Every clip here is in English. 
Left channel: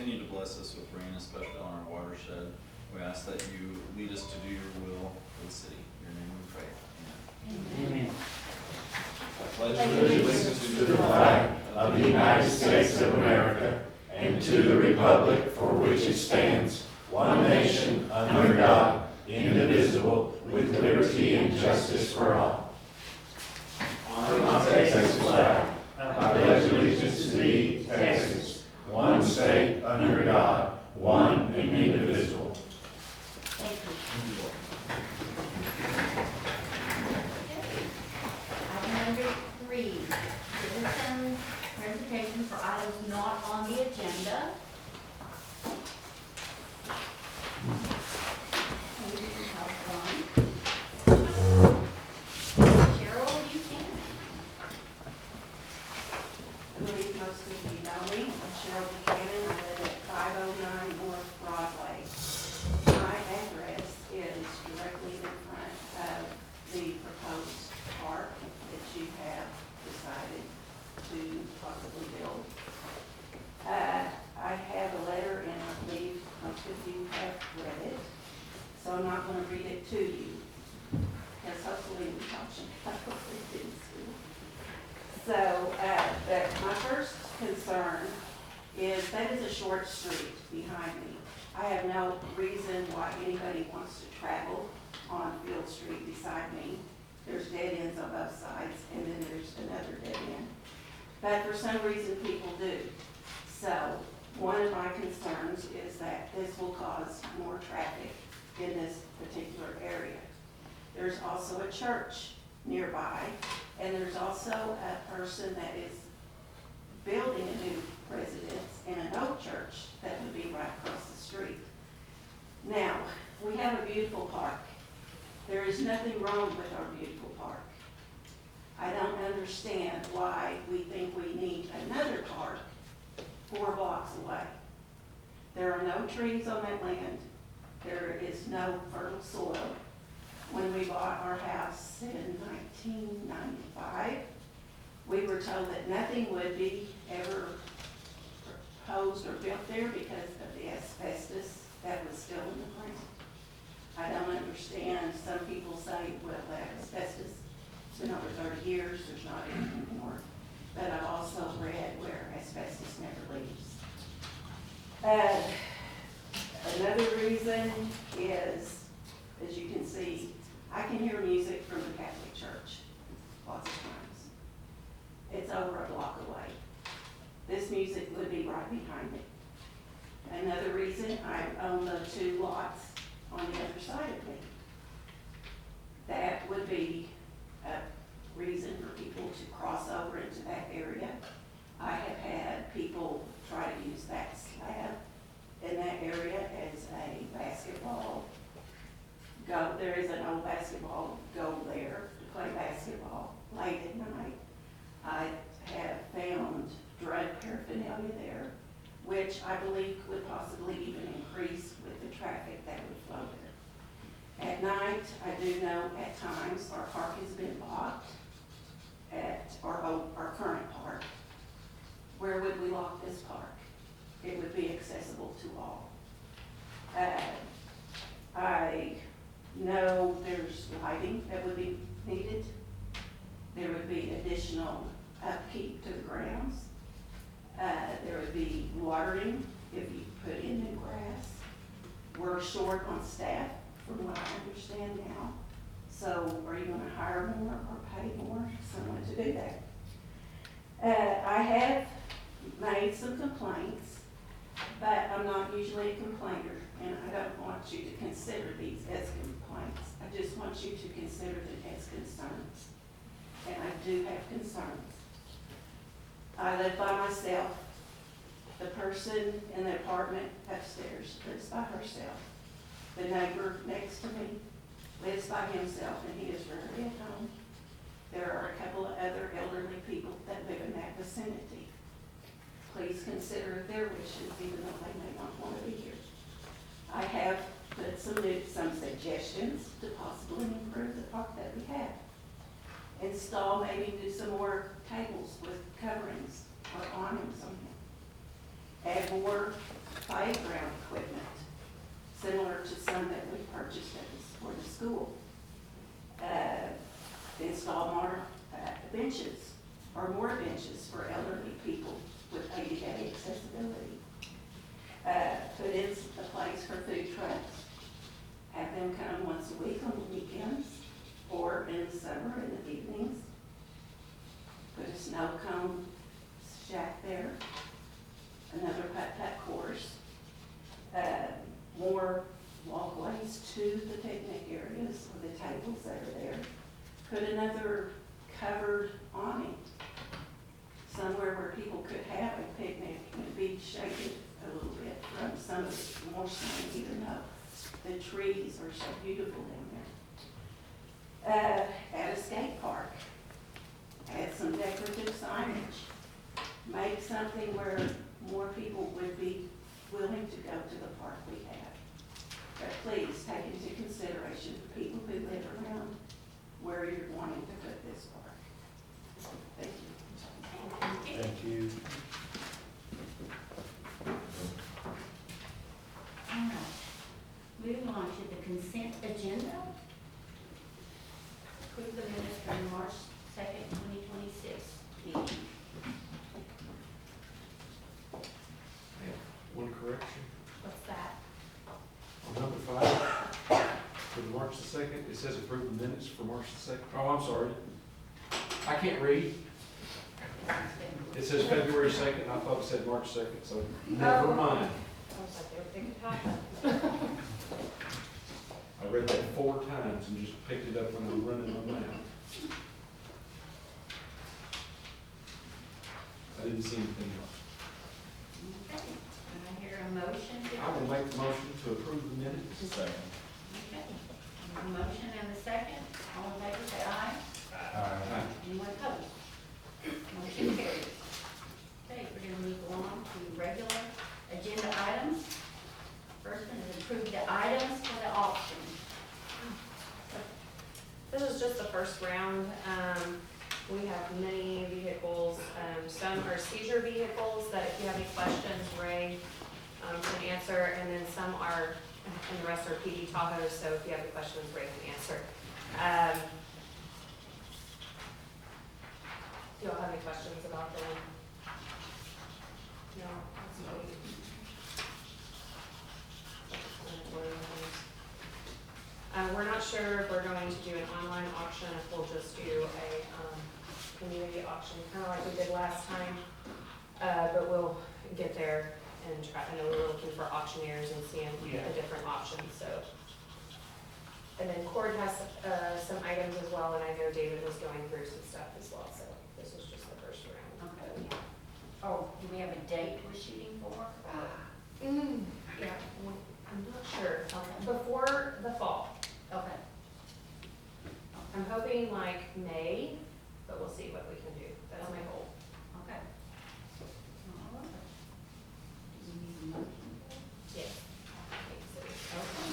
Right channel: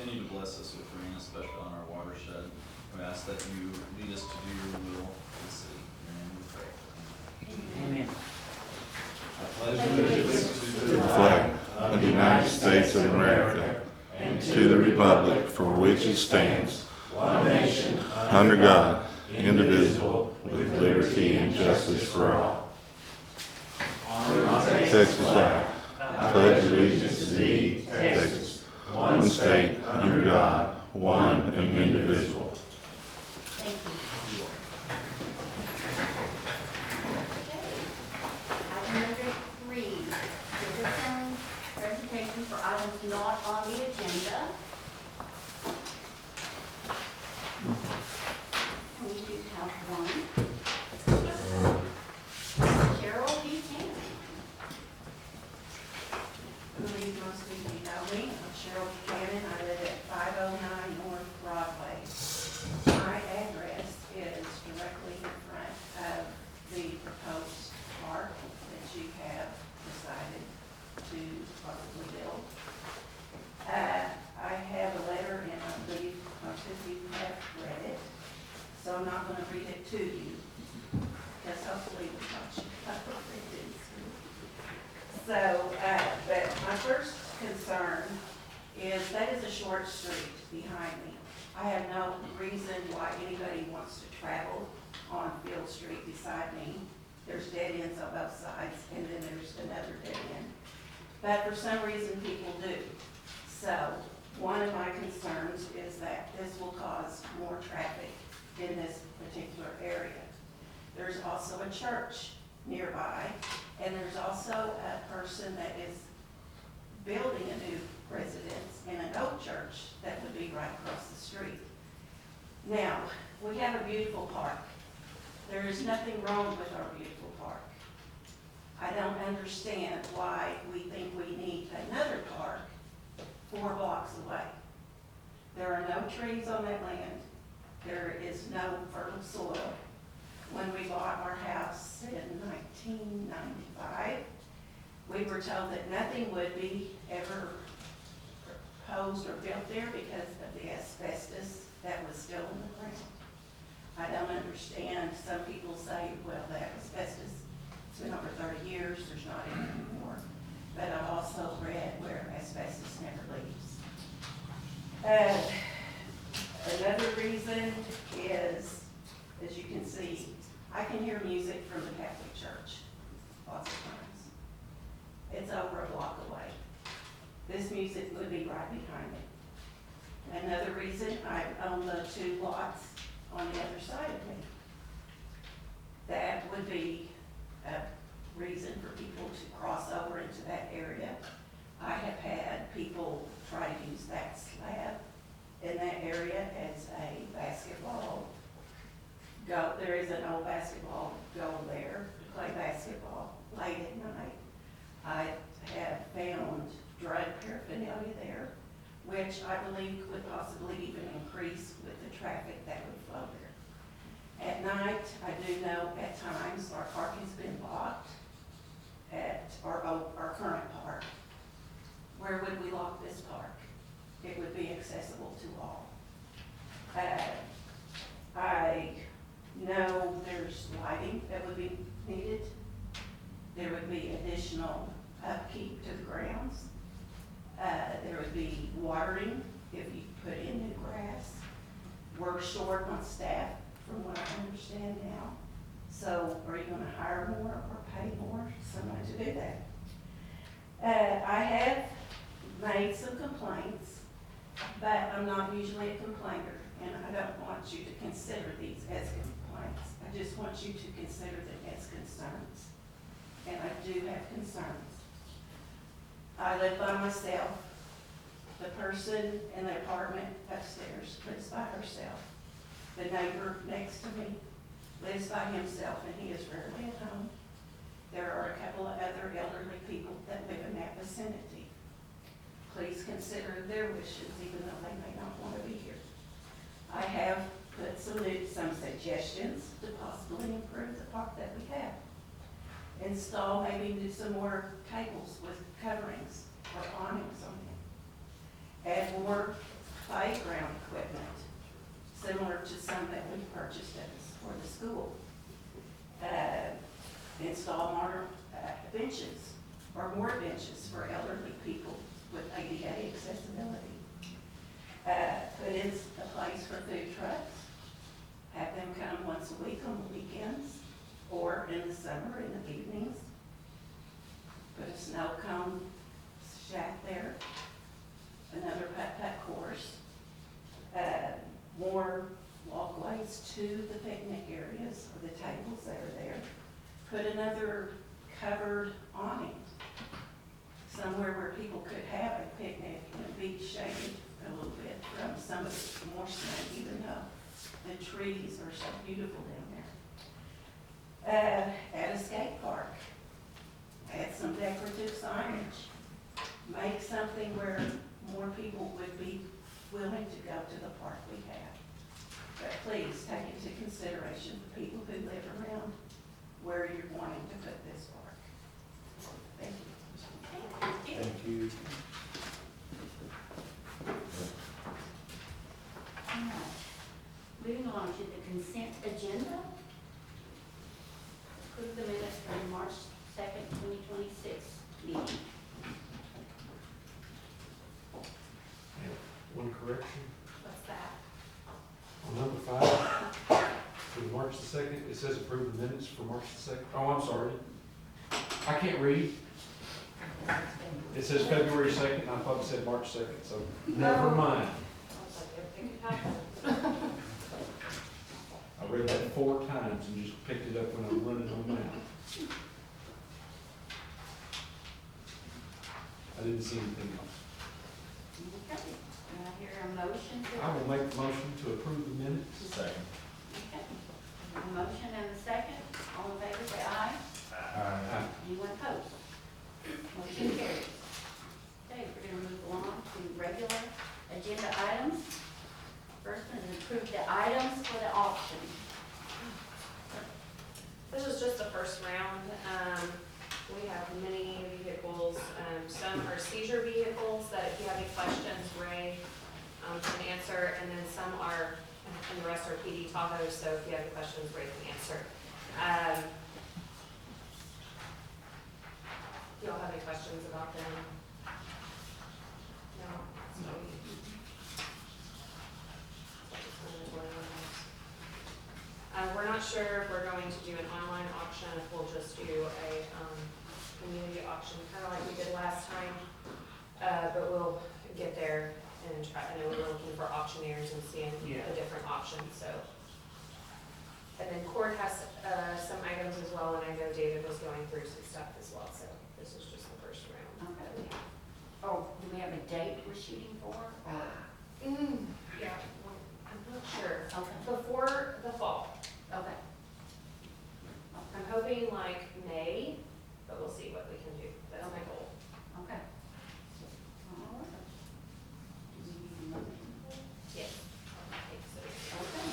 continue to bless us with rain, especially on our watershed. We ask that you lead us to do your will for the city. In your name we pray. Amen. Amen. I pledge allegiance To the flag of the United States of America and to the republic for which it stands, one nation, under God, indivisible, with liberty and justice for all. On the Texas flag, I pledge allegiance to thee, Texas, one state, under God, one and indivisible. Item number 3, citizen presentation for items not on the agenda. We do have one. Cheryl Buchanan. I believe most of you know me. I'm Cheryl Buchanan. I live at 509 North Broadway. My address is directly in front of the proposed park that you have decided to possibly build. I have a letter, and I believe most of you have read it, so I'm not going to read it to you, because hopefully we don't read it in school. So, but my first concern is that is a short street behind me. I have no reason why anybody wants to travel on Field Street beside me. There's dead ends on both sides, and then there's another dead end. But for some reason, people do. So one of my concerns is that this will cause more traffic in this particular area. There's also a church nearby, and there's also a person that is building a new residence in an old church that would be right across the street. Now, we have a beautiful park. There is nothing wrong with our beautiful park. I don't understand why we think we need another park 4 blocks away. There are no trees on that land. There is no fertile soil. When we bought our house in 1995, we were told that nothing would be ever proposed or built there because of the asbestos that was still in the ground. I don't understand. Some people say, well, that asbestos, it's been over 30 years, there's not any anymore. But I've also read where asbestos never leaves. Another reason is, as you can see, I can hear music from the Catholic Church lots of times. It's over a block away. This music would be right behind me. Another reason, I own the 2 lots on the other side of me. That would be a reason for people to cross over into that area. I have had people try to use that slab in that area as a basketball goal. There is an old basketball goal there to play basketball late at night. I have found drug paraphernalia there, which I believe could possibly even increase with the traffic that would flow there. At night, I do know at times our park has been blocked at our current park. Where would we lock this park? It would be accessible to all. I know there's lighting that would be needed. There would be additional upkeep to the grounds. There would be watering if you put in new grass. We're short on staff from what I understand now. So are you going to hire more or pay more someone to do that? I have made some complaints, but I'm not usually a complainer, and I don't want you to consider these as complaints. I just want you to consider them as concerns. And I do have concerns. I live by myself. The person in the apartment upstairs lives by herself. The neighbor next to me lives by himself, and he is rarely at home. There are a couple of other elderly people that live in that vicinity. Please consider their wishes, even though they may not want to be here. I have put some suggestions to possibly improve the park that we have. Install, maybe do some more tables with coverings or awnings on them. Add more benches or more benches for elderly people with ADA accessibility. Put in a place for food trucks, have them come once a week on the weekends or in the summer in the evenings. Put a snow cone shack there, another putt-putt course, more walkways to the picnic areas or the tables that are there. Put another covered awning somewhere where people could have a picnic and be shaded a little bit from some of the more sun, even though the trees are so beautiful down there. At a skate park, add some decorative signage, make something where more people would be willing to go to the park we have. But please take into consideration the people who live around where you're wanting to put this park. Thank you. Thank you. All right. Moving on to the consent agenda. Approve the minutes from March 2nd, 2026 meeting. One correction, What's that? on number 5, for the March the 2nd, it says approve the minutes for March the 2nd. Oh, I'm sorry. I can't read. It says February 2nd, and I thought it said March 2nd, so never mind. I was like, everything could happen. I read that 4 times and just picked it up when I was running on out. I didn't see anything else. Okay. Do I hear a motion to? I will make the motion to approve the minutes. Second. Okay. A motion and a second. All in favor, say aye. Aye. Anyone opposed? Motion carries. Okay, we're gonna move along to regular agenda items. First one is approve the items for the auction. This is just the first round. We have many vehicles. Some are seizure vehicles that if you have any questions, Ray can answer, and then some are, and the rest are PD Tahoes, so if you have any questions, Ray can answer. Do y'all have any questions about them? No? That's great. We're not sure if we're going to do an online auction, if we'll just do a community auction, kind of like we did last time. But we'll get there and try, I know we were looking for auctioneers and seeing the different options, so. And then Cord has some items as well, and I know David was going through some stuff as well, so this is just the first round. Okay. Oh, do we have a date we're shooting for? Or? Yeah, I'm not sure. Okay. Before the fall. Okay. I'm hoping like May, but we'll see what we can do. That's my goal. Okay. All right. Do we need a motion? Yes. Okay.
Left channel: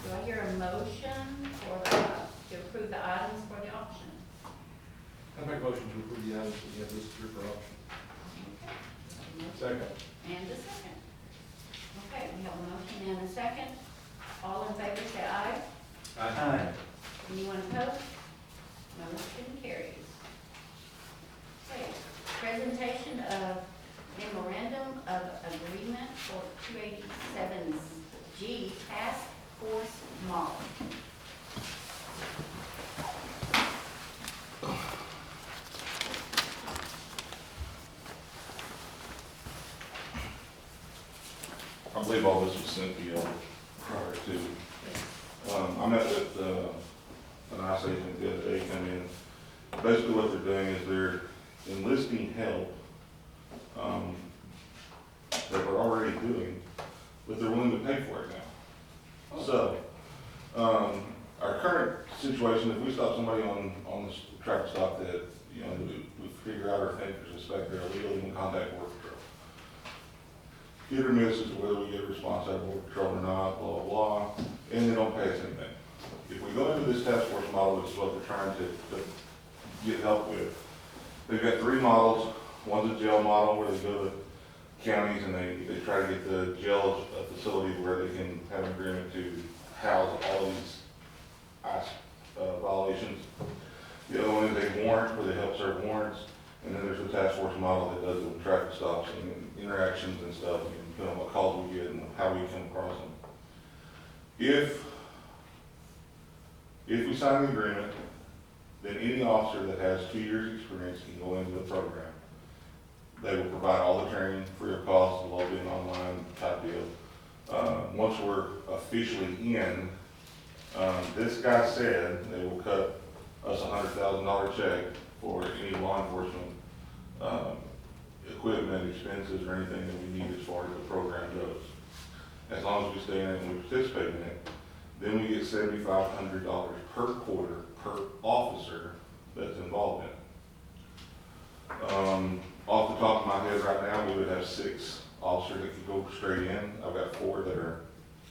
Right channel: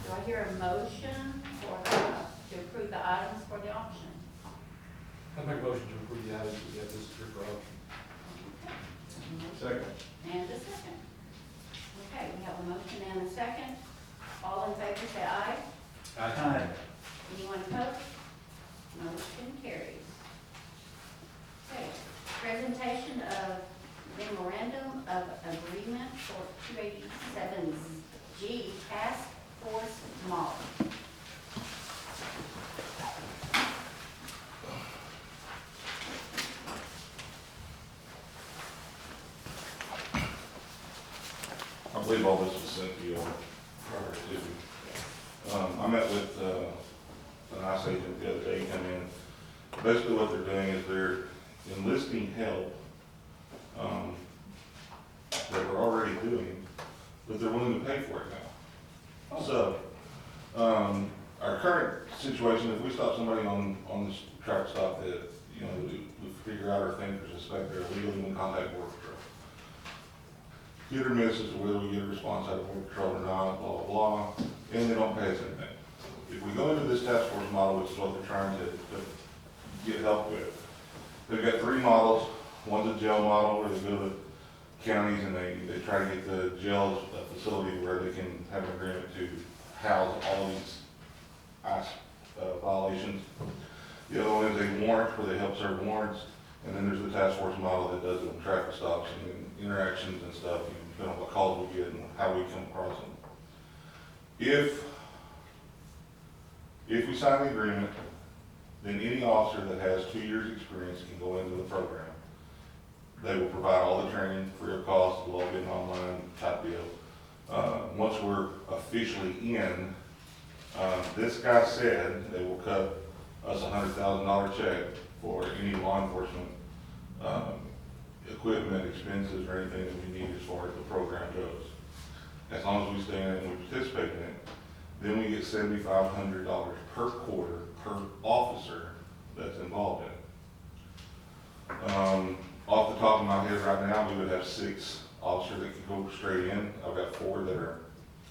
Do I hear a motion for, to approve the items for the auction? I make a motion to approve the items that we have listed for auction. Okay. Second. And a second. Okay, we have a motion and a second. All in favor, say aye. Aye. Anyone opposed? Motion carries. Okay, presentation of memorandum of agreement for 287G Task Force Model. I believe all this was sent to you prior to. I met with an ICE agent the other day, come in. Basically what they're doing is they're enlisting help that we're already doing, but they're willing to pay for it now. So, our current situation, if we stop somebody on this traffic stop that, you know, we figure out or think or suspect they're illegally in contact with Border Patrol. Hit or miss as to whether we get a response out of Border Patrol or not, blah, blah, blah, and they don't pay us anything. If we go into this task force model, which is what they're trying to get help with, they've got 3 models. One's a jail model where they go to counties and they try to get the jail facility where they can have an agreement to house all these ICE violations. The other one is a warrant where they help serve warrants. And then there's the task force model that does the traffic stops and interactions and stuff, depending on what calls we get and how we come across them. If we sign the agreement, then any officer that has 2 years' experience can go into the program. They will provide all the training free of cost, it'll all be an online type deal. Once we're officially in, this guy said they will cut us a $100,000 check for any law enforcement equipment, expenses, or anything that we need as far as the program goes. As long as we stay in it and we participate in it, then we get $7,500 per quarter per officer that's involved in it. Off the top of my head right now, we would have 6 officers that could go straight in. I've got 4 that are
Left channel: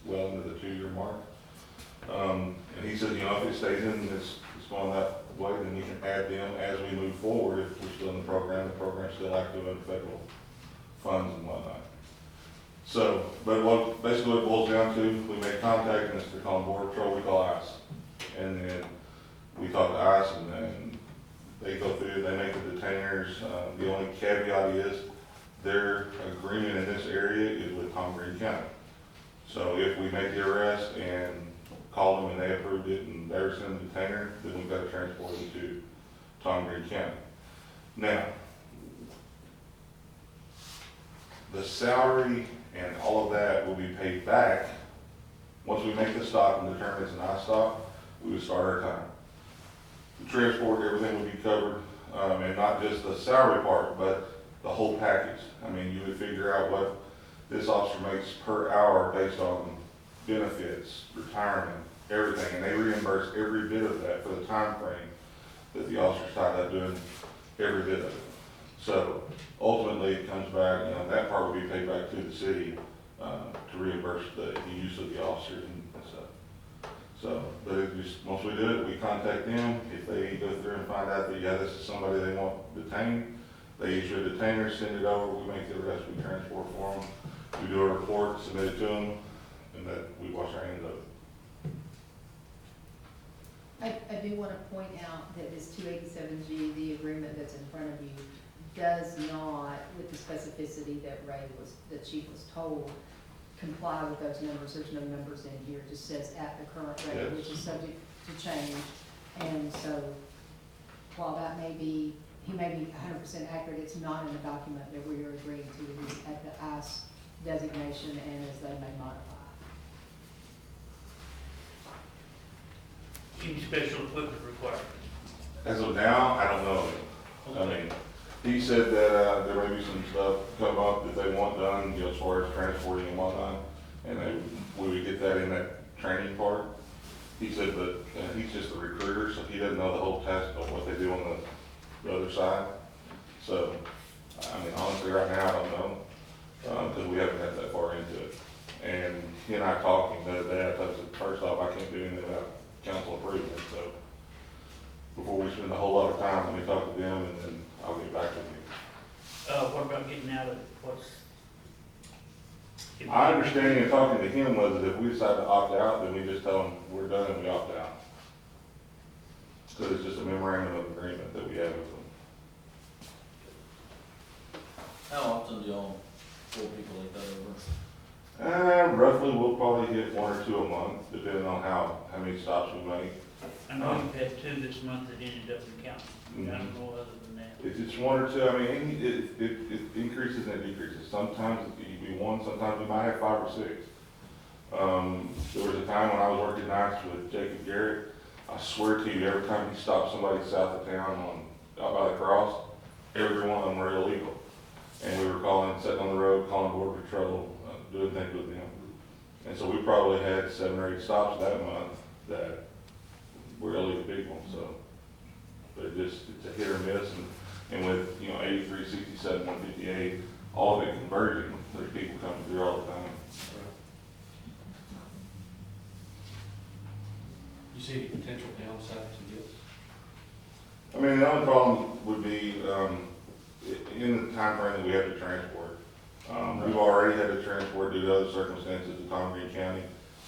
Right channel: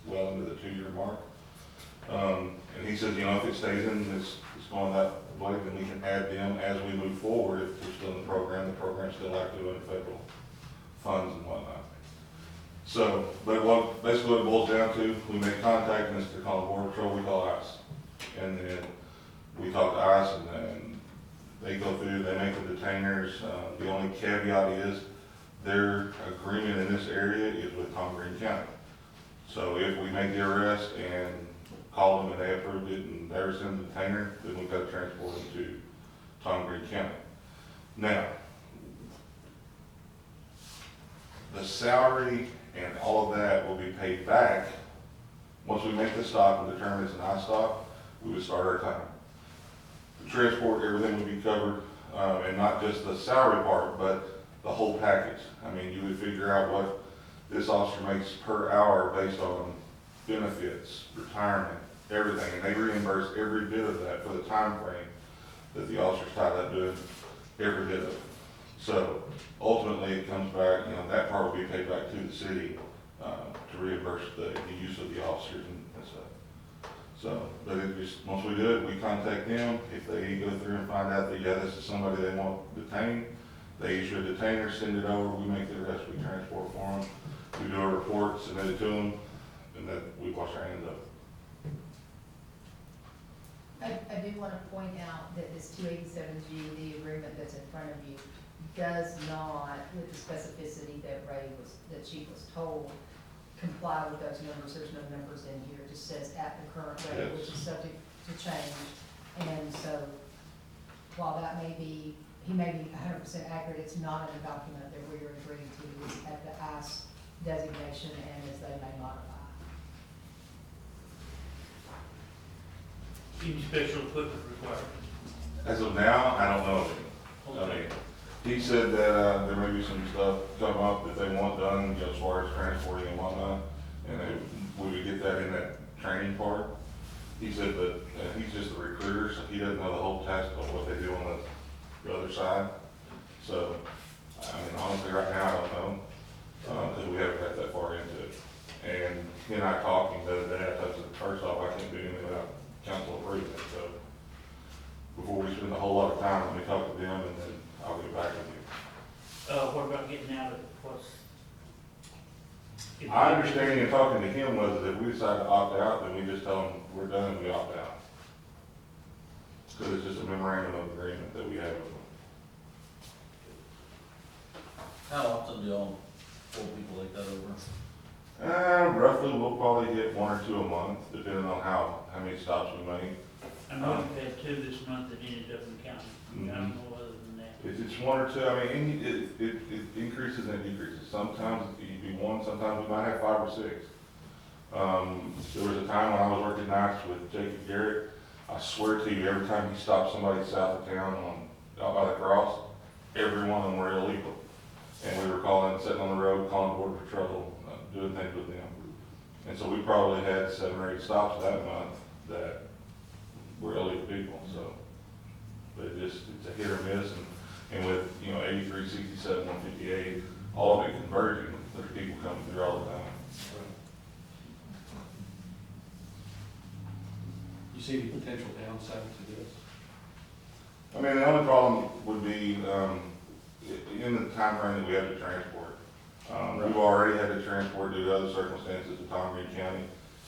well into the 2-year mark. And he said, if it stays in, it's going that way, then we can add them as we move forward. If we're still in the program's still active in federal funds and whatnot. So, but basically what it boils down to, we make contact, and instead of calling Border Patrol, we call ICE. And then we talk to ICE, and then they go through, they make the detainers. The only caveat is their agreement in this area is with Tom Green County. So if we make the arrest and call them and they approved it and they were sending the detainer, then we've got to transport them to Tom Green County. Now, the salary and all of that will be paid back. Once we make the stop and determine it's an I stop, we would start our time. The transport, everything would be covered, and not just the salary part, but the whole package. I mean, you would figure out what this officer makes per hour based on benefits, retirement, everything, and they reimburse every bit of that for the time frame that the officer's tied up doing every bit of it. So ultimately, it comes back, that part will be paid back to the city to reimburse the use of the officers and stuff. So, but it just, once we do it, we contact them. If they go through and find out that, yeah, this is somebody they want detained, they issue a detainer, send it over, we make the rest, we transport for them. We do a report, submit it to them, and that we wash our hands of it. I do want to point out that this 287G, the agreement that's in front of you, does not, with the specificity that the chief was told, comply with those numbers. There's no numbers in here. It just says at the current rate, Yes. which is subject to change. And so while that may be, he may be 100% accurate, it's not in the document that we are agreeing to. It is at the ICE designation and as they may modify. Any special equipment required? As of now, I don't know of it. I mean, he said that there may be some stuff come up that they want done, as far as transporting and whatnot, and we would get that in that training part. He said, but he's just a recruiter, so he doesn't know the whole task of what they do on the other side. So, I mean, honestly, right now, I don't know, because we haven't got that far into it. And he and I talking the other day, I said, first off, I can't do anything without council approval, so before we spend a whole lot of time, let me talk to them, and then I'll get back with you. What about getting out of it? My understanding of talking to him was that if we decide to opt out, then we just tell him we're done and we opt out. Because it's just a memorandum of agreement that we have with them. How often do y'all pull people like that over? Roughly, we'll probably get 1 or 2 a month, depending on how many stops we make. I know we've had 2 this month that ended up in county. I don't know other than that. If it's 1 or 2, I mean, it increases and decreases. Sometimes it'd be 1, sometimes we might have 5 or 6. There was a time when I was working nights with Jacob Garrett. I swear to you, every time he stopped somebody south of town out by the cross, every one of them were illegal. And we were sitting on the road, calling Border Patrol, doing things with them. And so we probably had 7 or 8 stops that month that were illegal people, so. But it's a hit or miss, and with, 83, 67, 158, all of it converging, there's people coming through all the time. You see any potential downside to this? I mean, the only problem would be, in the time frame that we have to transport. We've already had to transport due to other circumstances in Tom Green County.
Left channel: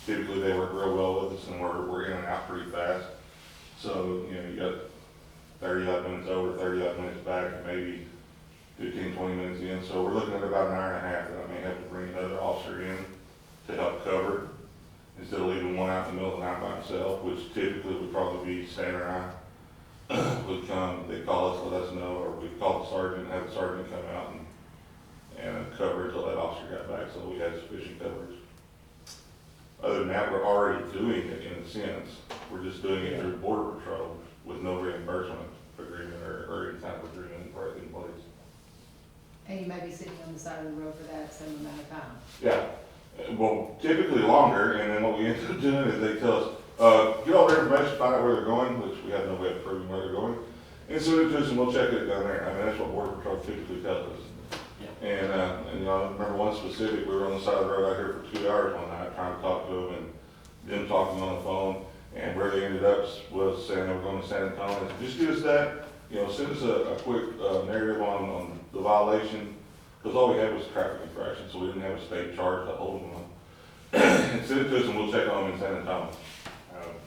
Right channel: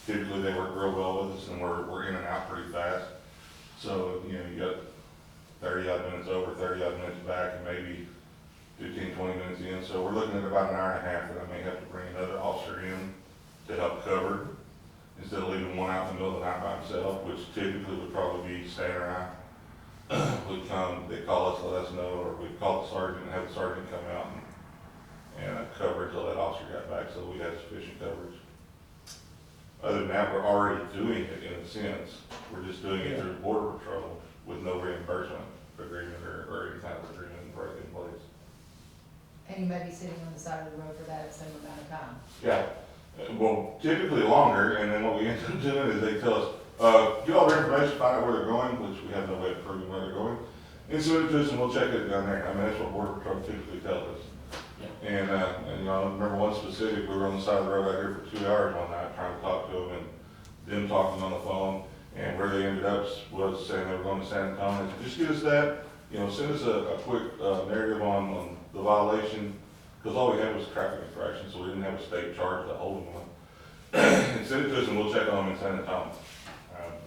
Typically, they work real well with us, and we're in and out pretty fast. So, you got 30 odd minutes over, 30 odd minutes back, and maybe 15, 20 minutes in. So we're looking at about an hour and a half that I may have to bring another officer in to help cover, instead of leaving one out in the middle of the night by himself, which typically would probably be Stan or I. Would come, they call us, let us know, or we'd call the sergeant and have the sergeant come out and cover until that officer got back, so we had sufficient coverage. Other than that, we're already doing it in a sense. We're just doing it through Border Patrol with no reimbursement agreement or any kind of agreement in place. And you may be sitting on the side of the road for that same amount of time. Yeah, well, typically longer, and then what we end up doing is they tell us, get all their information, find out where they're going, which we have no way of proving where they're going, and send it to us and we'll check it down there. I mean, that's what Border Patrol typically tells us. And you know, I remember one specific, we were on the side of the road out here for 2 hours one night trying to talk to them and them talking on the phone, and where they ended up was saying they were going to San Antonio. Just give us that, you know, send us a quick narrative on the violation, because all we had was traffic infraction, so we didn't have a state charge to hold them on. And send it to us and we'll check on them in San Antonio.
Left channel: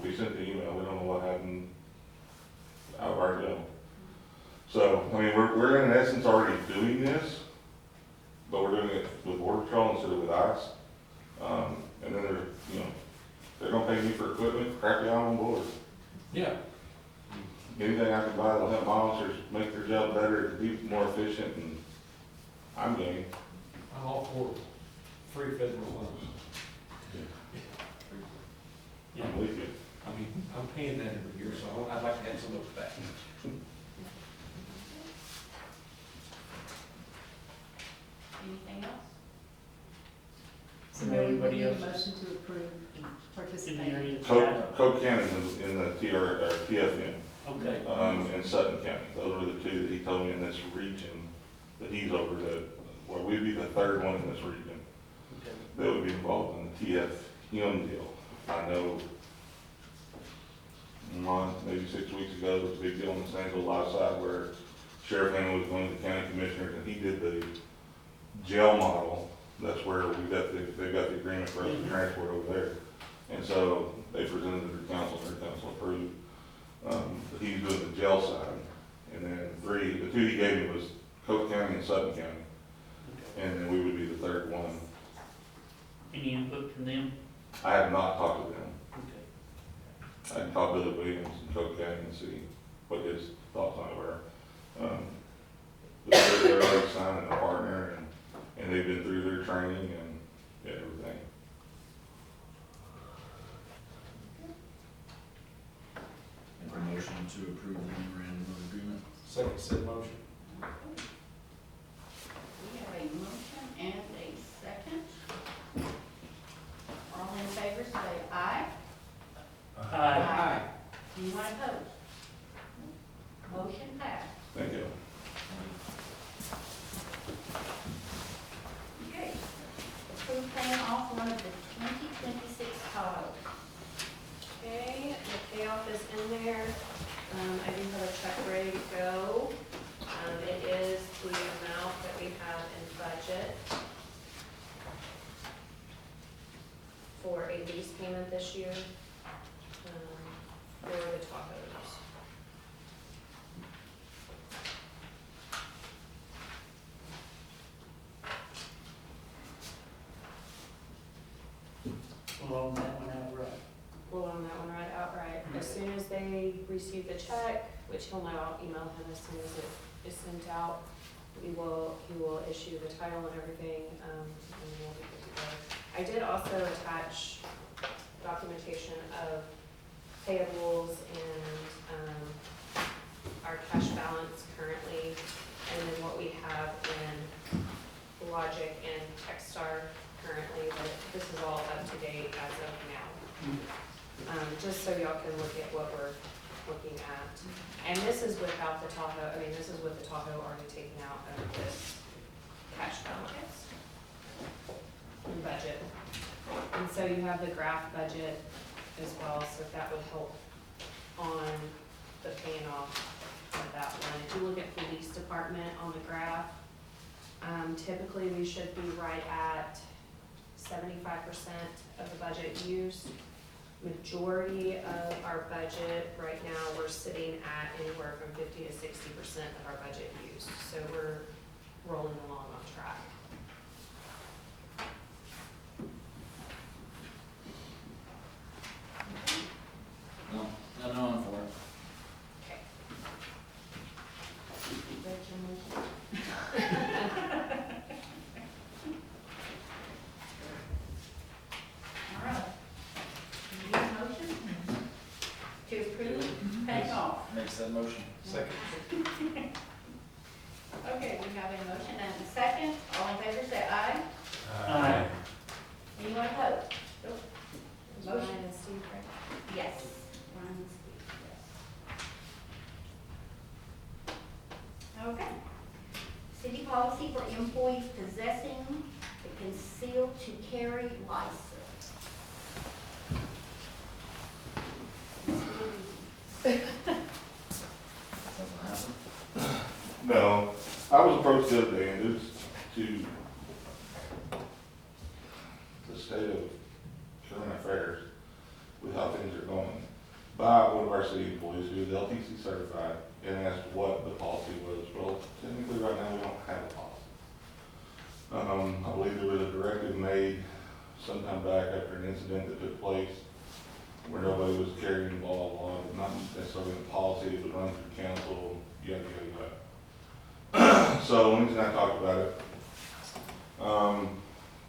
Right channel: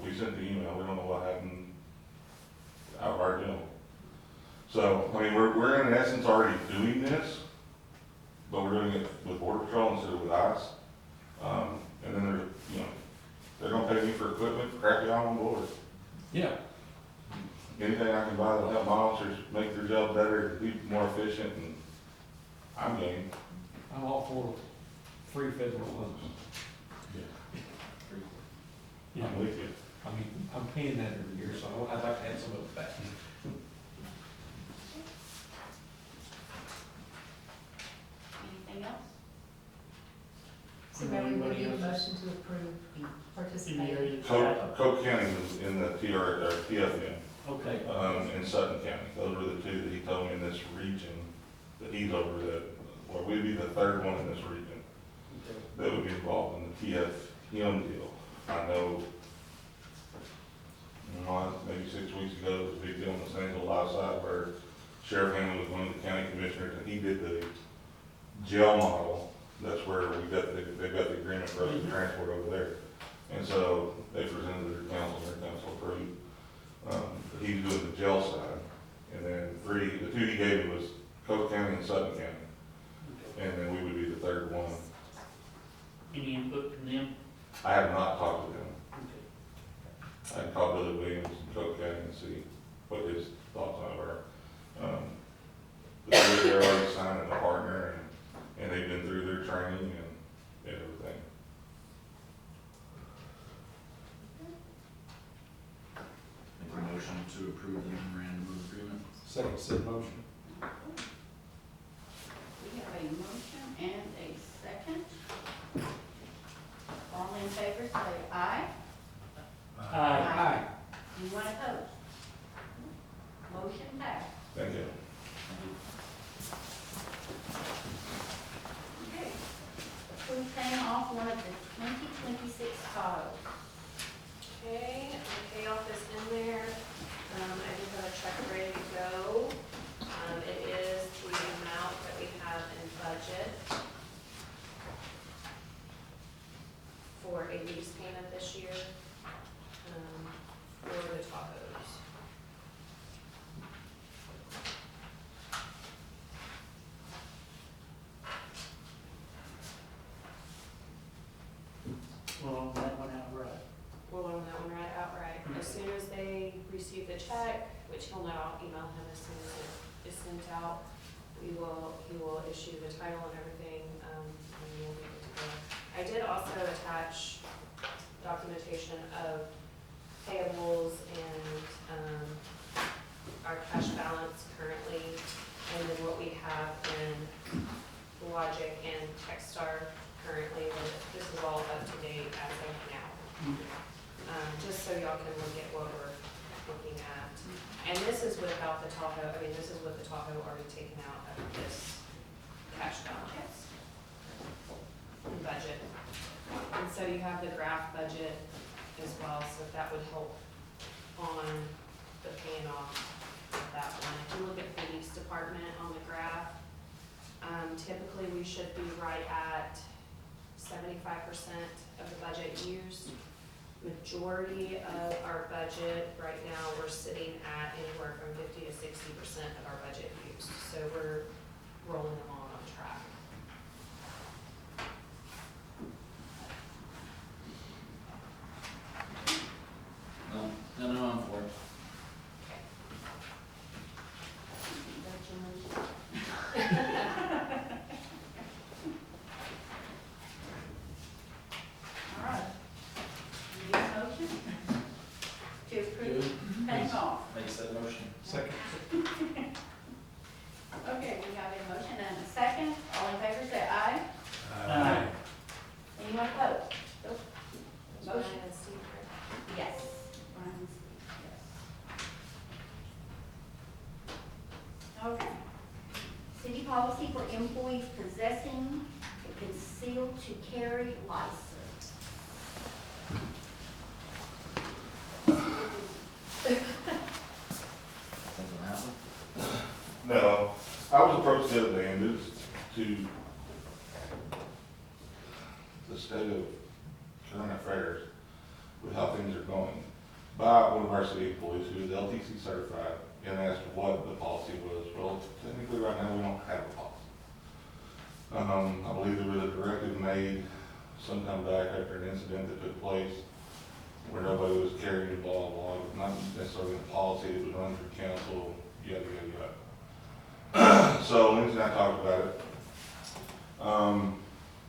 We sent the email, we don't know what happened out of our deal. So, I mean, we're in essence already doing this, but we're doing it with Border Patrol instead of with ICE. And then there's, you know, they're gonna pay me for equipment, crap, I'm on board. Yeah. Anything I can buy that'll help my officers make their job better, be more efficient, and I'm game. I'm all for free federal funds. Yeah. I'm with you. I mean, I'm paying that every year, so I'd like to have some of it back. Anything else? So Mary, would Anybody you else? motion to approve In the participating? area. Coke County was in the TFM, Okay. and Sutton County. Those were the two that he told me in this region that he's over that, well, we'd be the third one in this region Okay. that would be involved in the TFM deal. I know, maybe 6 weeks ago, there was a big deal on the Stanville Live side where Sheriff Hammond was one of the county commissioners, and he did the jail model. That's where they've got the agreement for us to transport over there. And so they presented it to their council approved. But he's doing the jail side. And then the two he gave me was Coke County and Sutton County. And then we would be the third one. Any input from them? I have not talked to them. Okay. I can call Billy Williams in Coke County and see what his thoughts on it were. But they're already signing a partner, and they've been through their training and everything. Make a motion to approve the memorandum of agreement. Second said motion. We have a motion and a second. All in favor, say aye. Aye. Anyone opposed? Motion passed. Thank you. Okay. Approve paying off one of the 2026 Tahoe. Okay, the payoff is in there. I do have a check ready to go. It is the amount that we have in budget for a lease payment this year, for the Tahoes. Well, that one outright. We'll loan that one right outright. As soon as they receive the check, which he'll know, I'll email him as soon as it is sent out, he will issue the title and everything, and we'll be good to go. I did also attach documentation of payables and, our cash balance currently, and then what we have in Logic and Techstar currently, but this is all up to date as of now. Just so y'all can look at what we're looking at. And this is without the Tahoe, I mean, this is with the Tahoe already taken out of this cash balance and budget. And so you have the graph budget as well, so if that would help on the paying off of that one. If you look at the police department on the graph, typically we should be right at 75% of the budget used. majority of our budget, right now, we're sitting at anywhere from 50 to 60% of our budget used. So we're rolling along on track. No, no, I'm for it. All right. You get a motion to approve paying off? Make said motion. Second. Okay, we have a motion and a second. All in favor, say aye. Aye. Anyone opposed? Motion. Ryan and Steve, right? Yes. Ryan and Steve, yes. Okay. City policy for employees possessing a concealed to carry license. Doesn't happen. No, I was approached the other day and it's to the state of current affairs with how things are going by one of our city employees who is LTC certified and asked what the policy was. Well, technically right now we don't have a policy. I believe there was a directive made sometime back after an incident that took place where nobody was carrying blah, blah, blah, not necessarily a policy, it was run through council, yada, yada, yada. So Lindsay and I talked about it.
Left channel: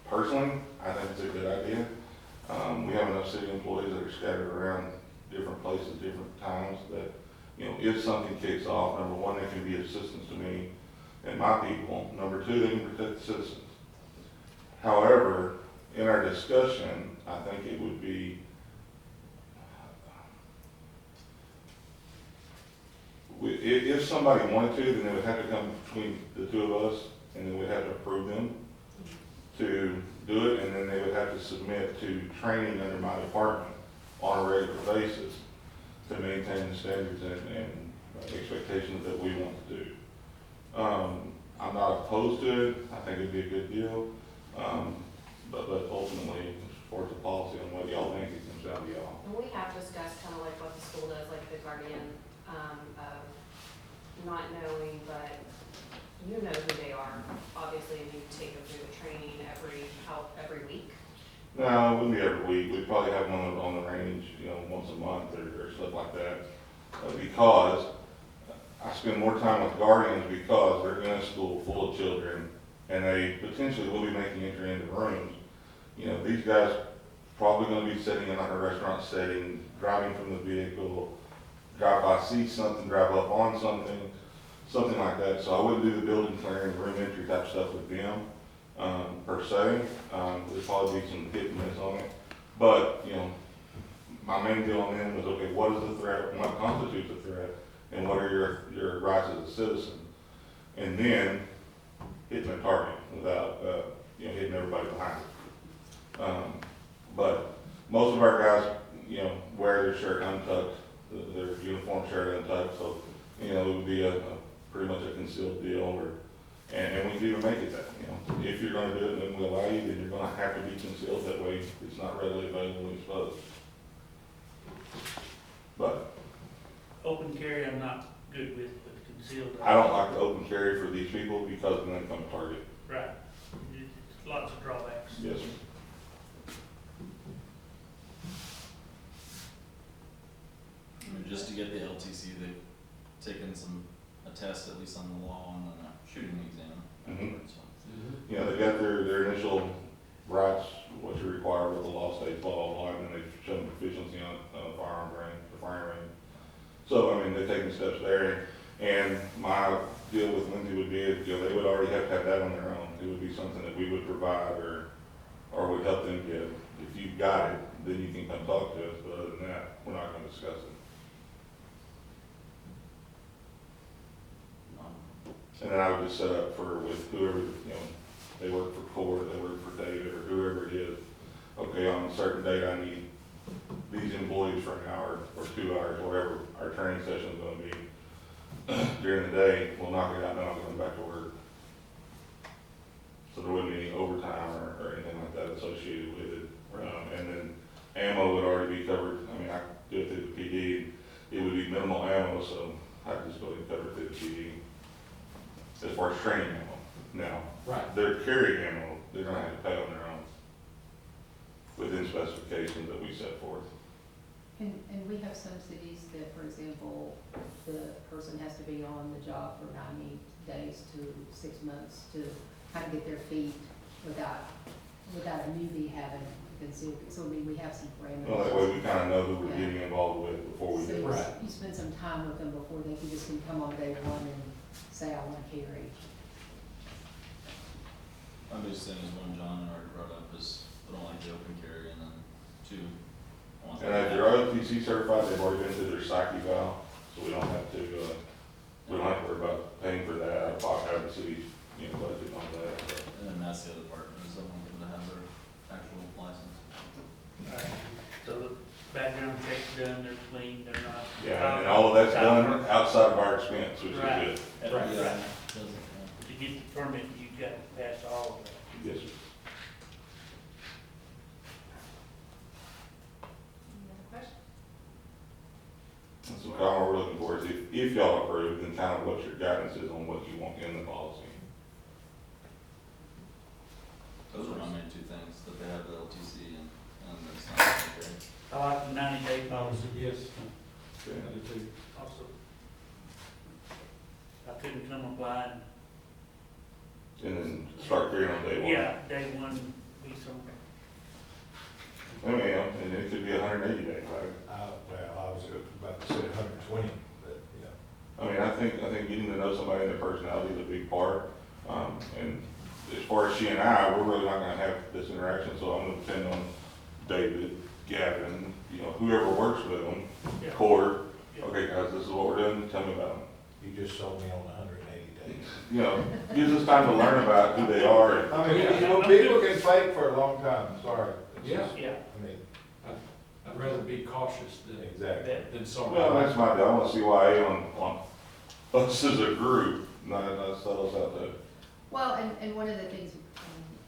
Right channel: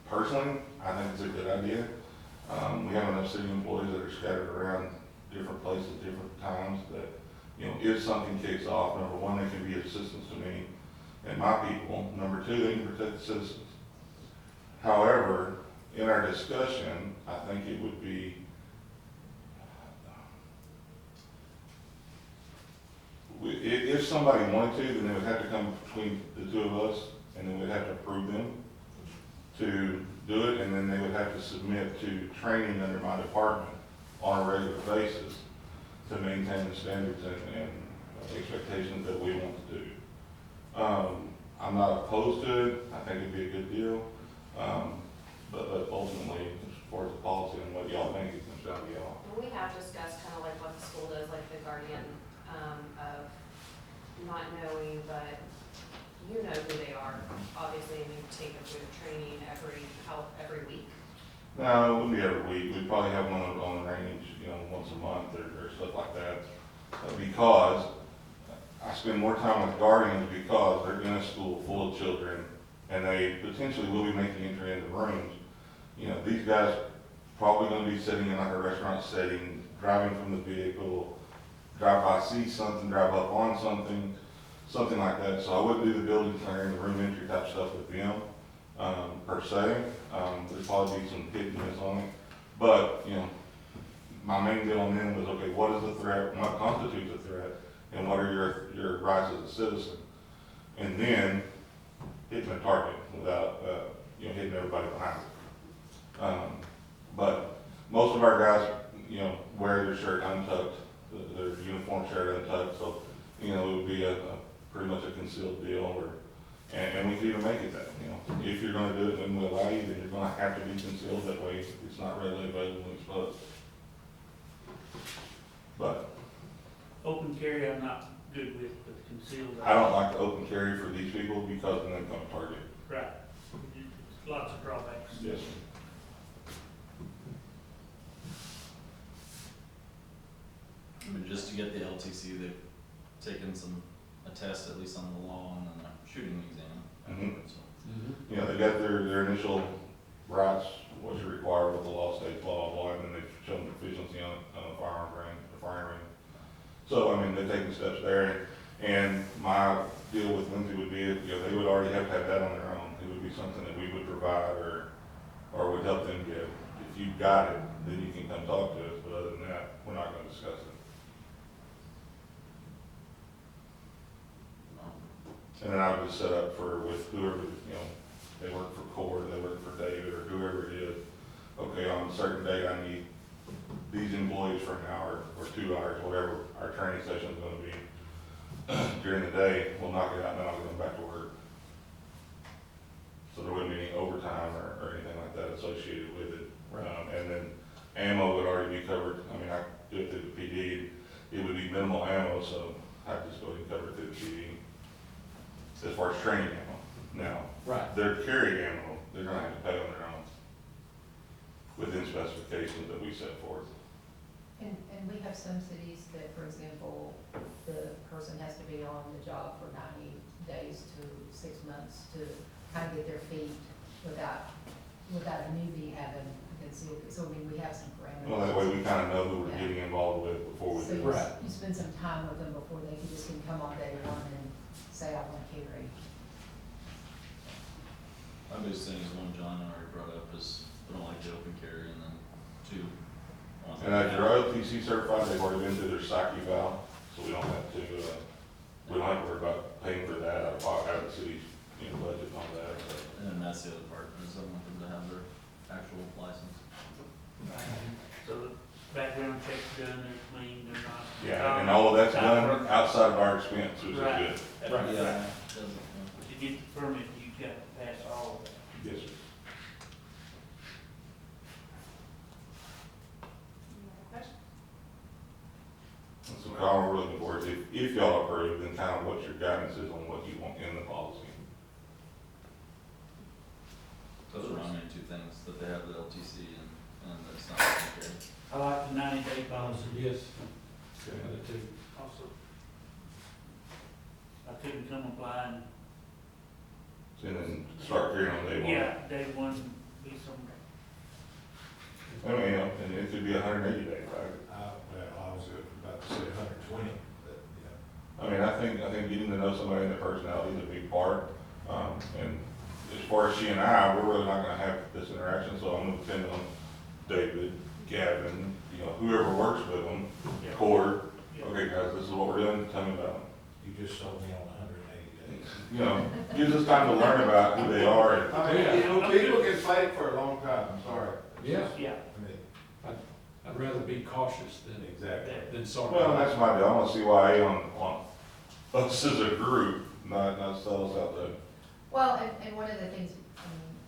Personally, I think it's a good idea. We have enough city employees that are scattered around different places, different times that, you know, if something kicks off, number one, they can be assistance to me and my people. Number two, they can protect the citizens. However, in our discussion, I think it would be if somebody wanted to, then they would have to come between the two of us, and then we'd have to approve them to do it, and then they would have to submit to training under my department on a regular basis to maintain the standards and expectations that we want to do. I'm not opposed to it. I think it'd be a good deal. But ultimately, as far as the policy and what y'all think, it comes down to y'all. And we have discussed kind of like what the school does, like the guardian, of not knowing, but you know who they are, obviously, and you take them through the training every week. No, it wouldn't be every week. We'd probably have one on the range, you know, once a month or stuff like that. Because I spend more time with guardians because they're in a school full of children and they potentially will be making entry into rooms. You know, these guys probably gonna be sitting in like a restaurant setting, driving from the vehicle, drive by, see something, drive up on something like that. So I wouldn't do the building clearing, room entry type stuff with them, per se. There'd probably be some hit and miss on it. But, you know, my main deal on them was, okay, what is the threat, what constitutes a threat, and what are your rights as a citizen? And then hitting a target without, you know, hitting everybody behind it. But most of our guys, you know, wear their shirt untucked, their uniform shirt untucked, so, you know, it would be a pretty much a concealed deal, or, and we could even make it that, you know, if you're gonna do it and we allow you, then you're gonna have to be concealed, that way it's not readily available and exposed. But Open carry, I'm not good with, but concealed. I don't like the open carry for these people because then they become a target. Right. Lots of drawbacks. Yes, sir. I mean, just to get the LTC, they've taken a test, at least on the law, and then a shooting exam. Mhm. So, You know, they got their initial rights, what you require with the law states, blah, blah, blah, and then they've shown proficiency on a firearm range. So, I mean, they're taking steps there, and my deal with Lindsay would be, you know, they would already have to have that on their own. It would be something that we would provide or would help them get. If you've got it, then you can come talk to us, but other than that, we're not gonna discuss it. And then I would just set up with whoever, you know, they work for Core, they work for David, or whoever it is. Okay, on a certain date, I need these employees for an hour or 2 hours, whatever our training session is gonna be. During the day, we'll knock it out, and then I'll come back to work. So there wouldn't be any overtime or anything like that associated with it. Right. ammo would already be covered. I mean, I do it through the PD, it would be minimal ammo, so I'd just go ahead and cover it through the PD. As far as training ammo, now, Right. their carry ammo, they're gonna have to pay on their own within specifications that we set forth. And we have some cities that, for example, the person has to be on the job for 90 days to 6 months to kind of get their feet without a newbie having concealed. So, I mean, we have some parameters. Well, that way we kinda know who we're getting involved with before we So do you it. Right. you spend some time with them before they can just can come on day one and say, I want to carry. My biggest thing is one John already brought up is they don't like the open carry, and then two. want And if you're OTC certified, they've already been through their psych eval, so we don't have to, we don't have to worry about paying for that, out of the city's, budget on that. And then that's the other part, is I want them to have their actual license. So the background check's done, they're clean, they're not. Yeah, and all of that's done outside of our expense, which is Right. good. Right. Yeah, doesn't, To get the permit, you got to pass all of that. Yes, sir. Any other questions? And so all we're looking for is if y'all approve, then kind of what your guidance is on what you want in the policy. those are my main two things, that they have the LTC and that it's not open carry. I like the 90-day policy Yes. Okay. I do too. also. I couldn't come apply And then start carrying on day and, one. yeah, day one, be some, I mean, and it could be 180 days, right? Well, I was about to say 120, but, yeah. I mean, I think getting to know somebody and their personality is a big part. And as far as she and I, we're really not gonna have this interaction, so I'm gonna depend on David, Gavin, whoever works with them, yeah. Cord. Yeah. Okay, guys, this is what we're doing, tell me about them. You just sold me on 180 days. Gives us time to learn about who they are. And I mean, people can fight for a long time, I'm sorry. It's Yeah. just- Yeah, I mean, I'd rather be cautious exactly. than sorry. Well, that's my deal. I want to see why on us as a group, not sell us out there. Well, and one of the things,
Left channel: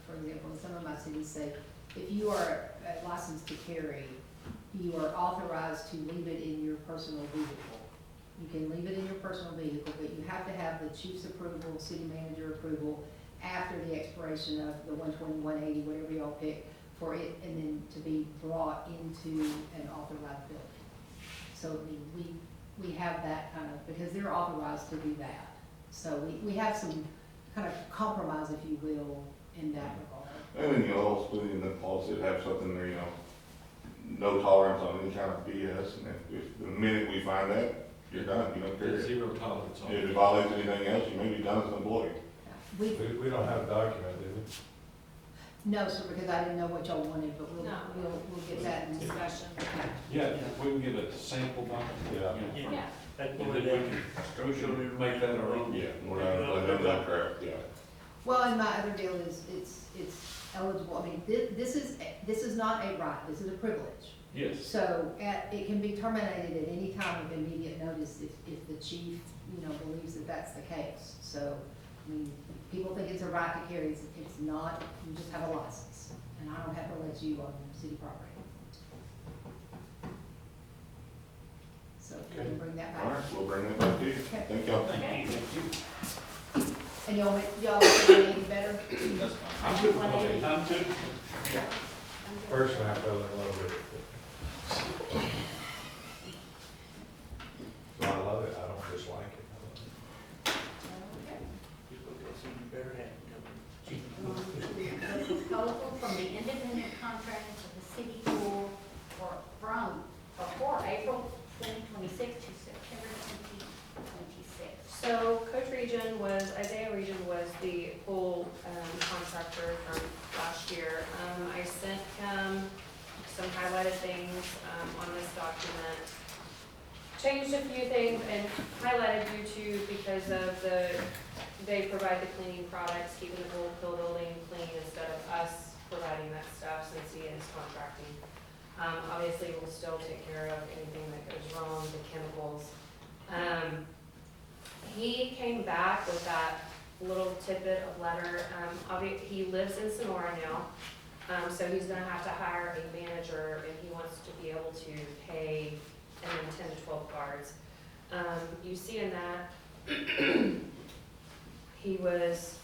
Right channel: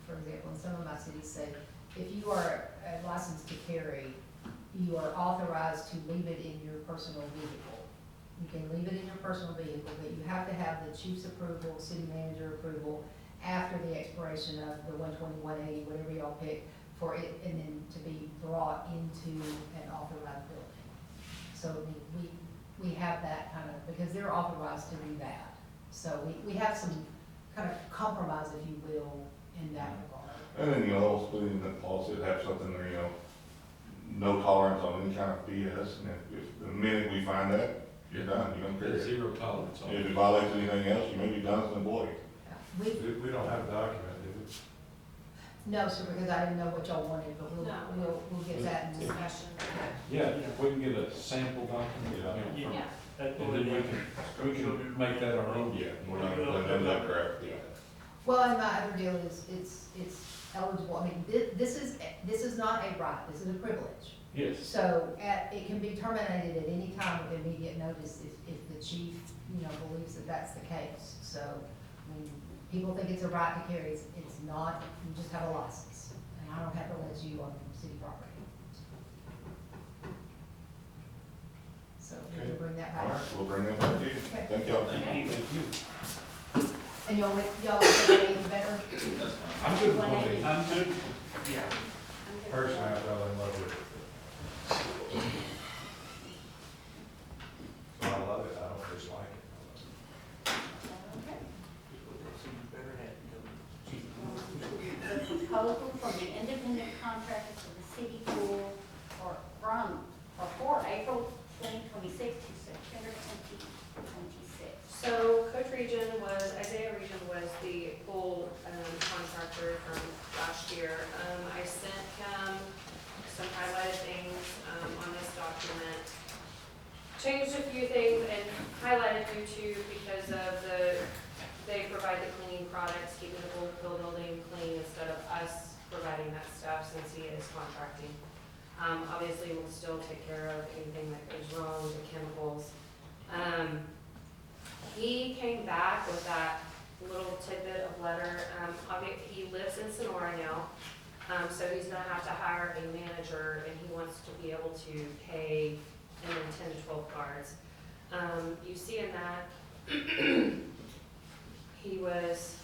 for example, in some of my cities say, if you are licensed to carry, you are authorized to leave it in your personal vehicle. You can leave it in your personal vehicle, but you have to have the chief's approval, city manager approval after the expiration of the 120, 180, whatever y'all pick, for it, and then to be brought into an authorized building. So, I mean, we have that kind of, because they're authorized to do that. So we have some kind of compromise, if you will, in that regard. And then, also put in the policy to have something there, no tolerance on any kind of BS. And if the minute we find that, you're done, you don't carry There's it. zero tolerance on If it. it violates anything else, you may be done as an employee. We, We don't have a document, do we? no, sir, because I didn't know what y'all wanted, but we'll, No. we'll get that in discussion. Yeah, if we can get a sample document, Yeah. from- Yeah. that's and what then we we did. can make that our own. Yeah, we're not playing none of that crap, yeah. Well, and my other deal is, it's eligible, I mean, this is not a right, this is a privilege. Yes. So, it can be terminated at any time with immediate notice if the chief, believes that that's the case. So, I mean, people think it's a right to carry, it's not, you just have a license, and I don't have to let you on city property. So, we'll bring that All back. right, we'll bring that back to you. Okay. Thank y'all. Thank you. Thank you. And y'all think any better? That's fine. I'm good with 180. I'm good. Yeah. Personally, I fell in love with it. So I love it, I don't dislike it. I love it. Okay. People go see you better have it covered. The proposal from the independent contractor for the city pool for April 2026 to September 2026. So Coach Region was, Isaiah Region was the pool contractor from last year. I sent him some highlighted things on this document. Changed a few things and highlighted due to, because of they provide the cleaning products, keeping the pool building clean instead of us providing that stuff since he is contracting. Obviously, we'll still take care of anything that goes wrong, the chemicals. He came back with that little tidbit of letter. He lives in Sonora now. So he's gonna have to hire a manager, and he wants to be able to pay, and then 10 to 12 guards. You see in that, he was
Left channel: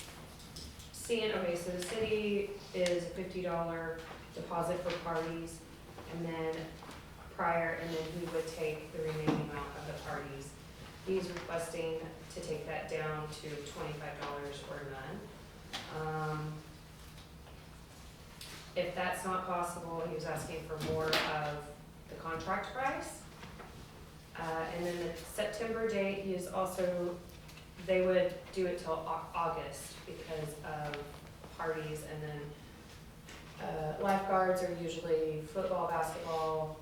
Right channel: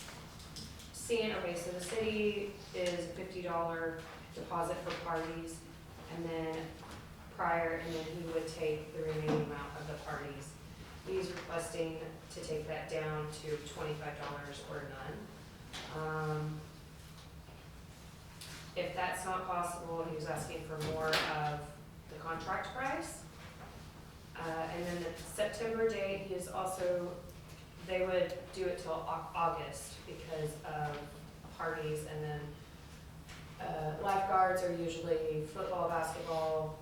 seeing, okay, so the city is a $50 deposit for parties, and then he would take the remaining amount of the parties. He's requesting to take that down to $25 or none. If that's not possible, he was asking for more of the contract price. And then the September date, he is also, they would do it till August because of parties, and then lifeguards are usually football, basketball,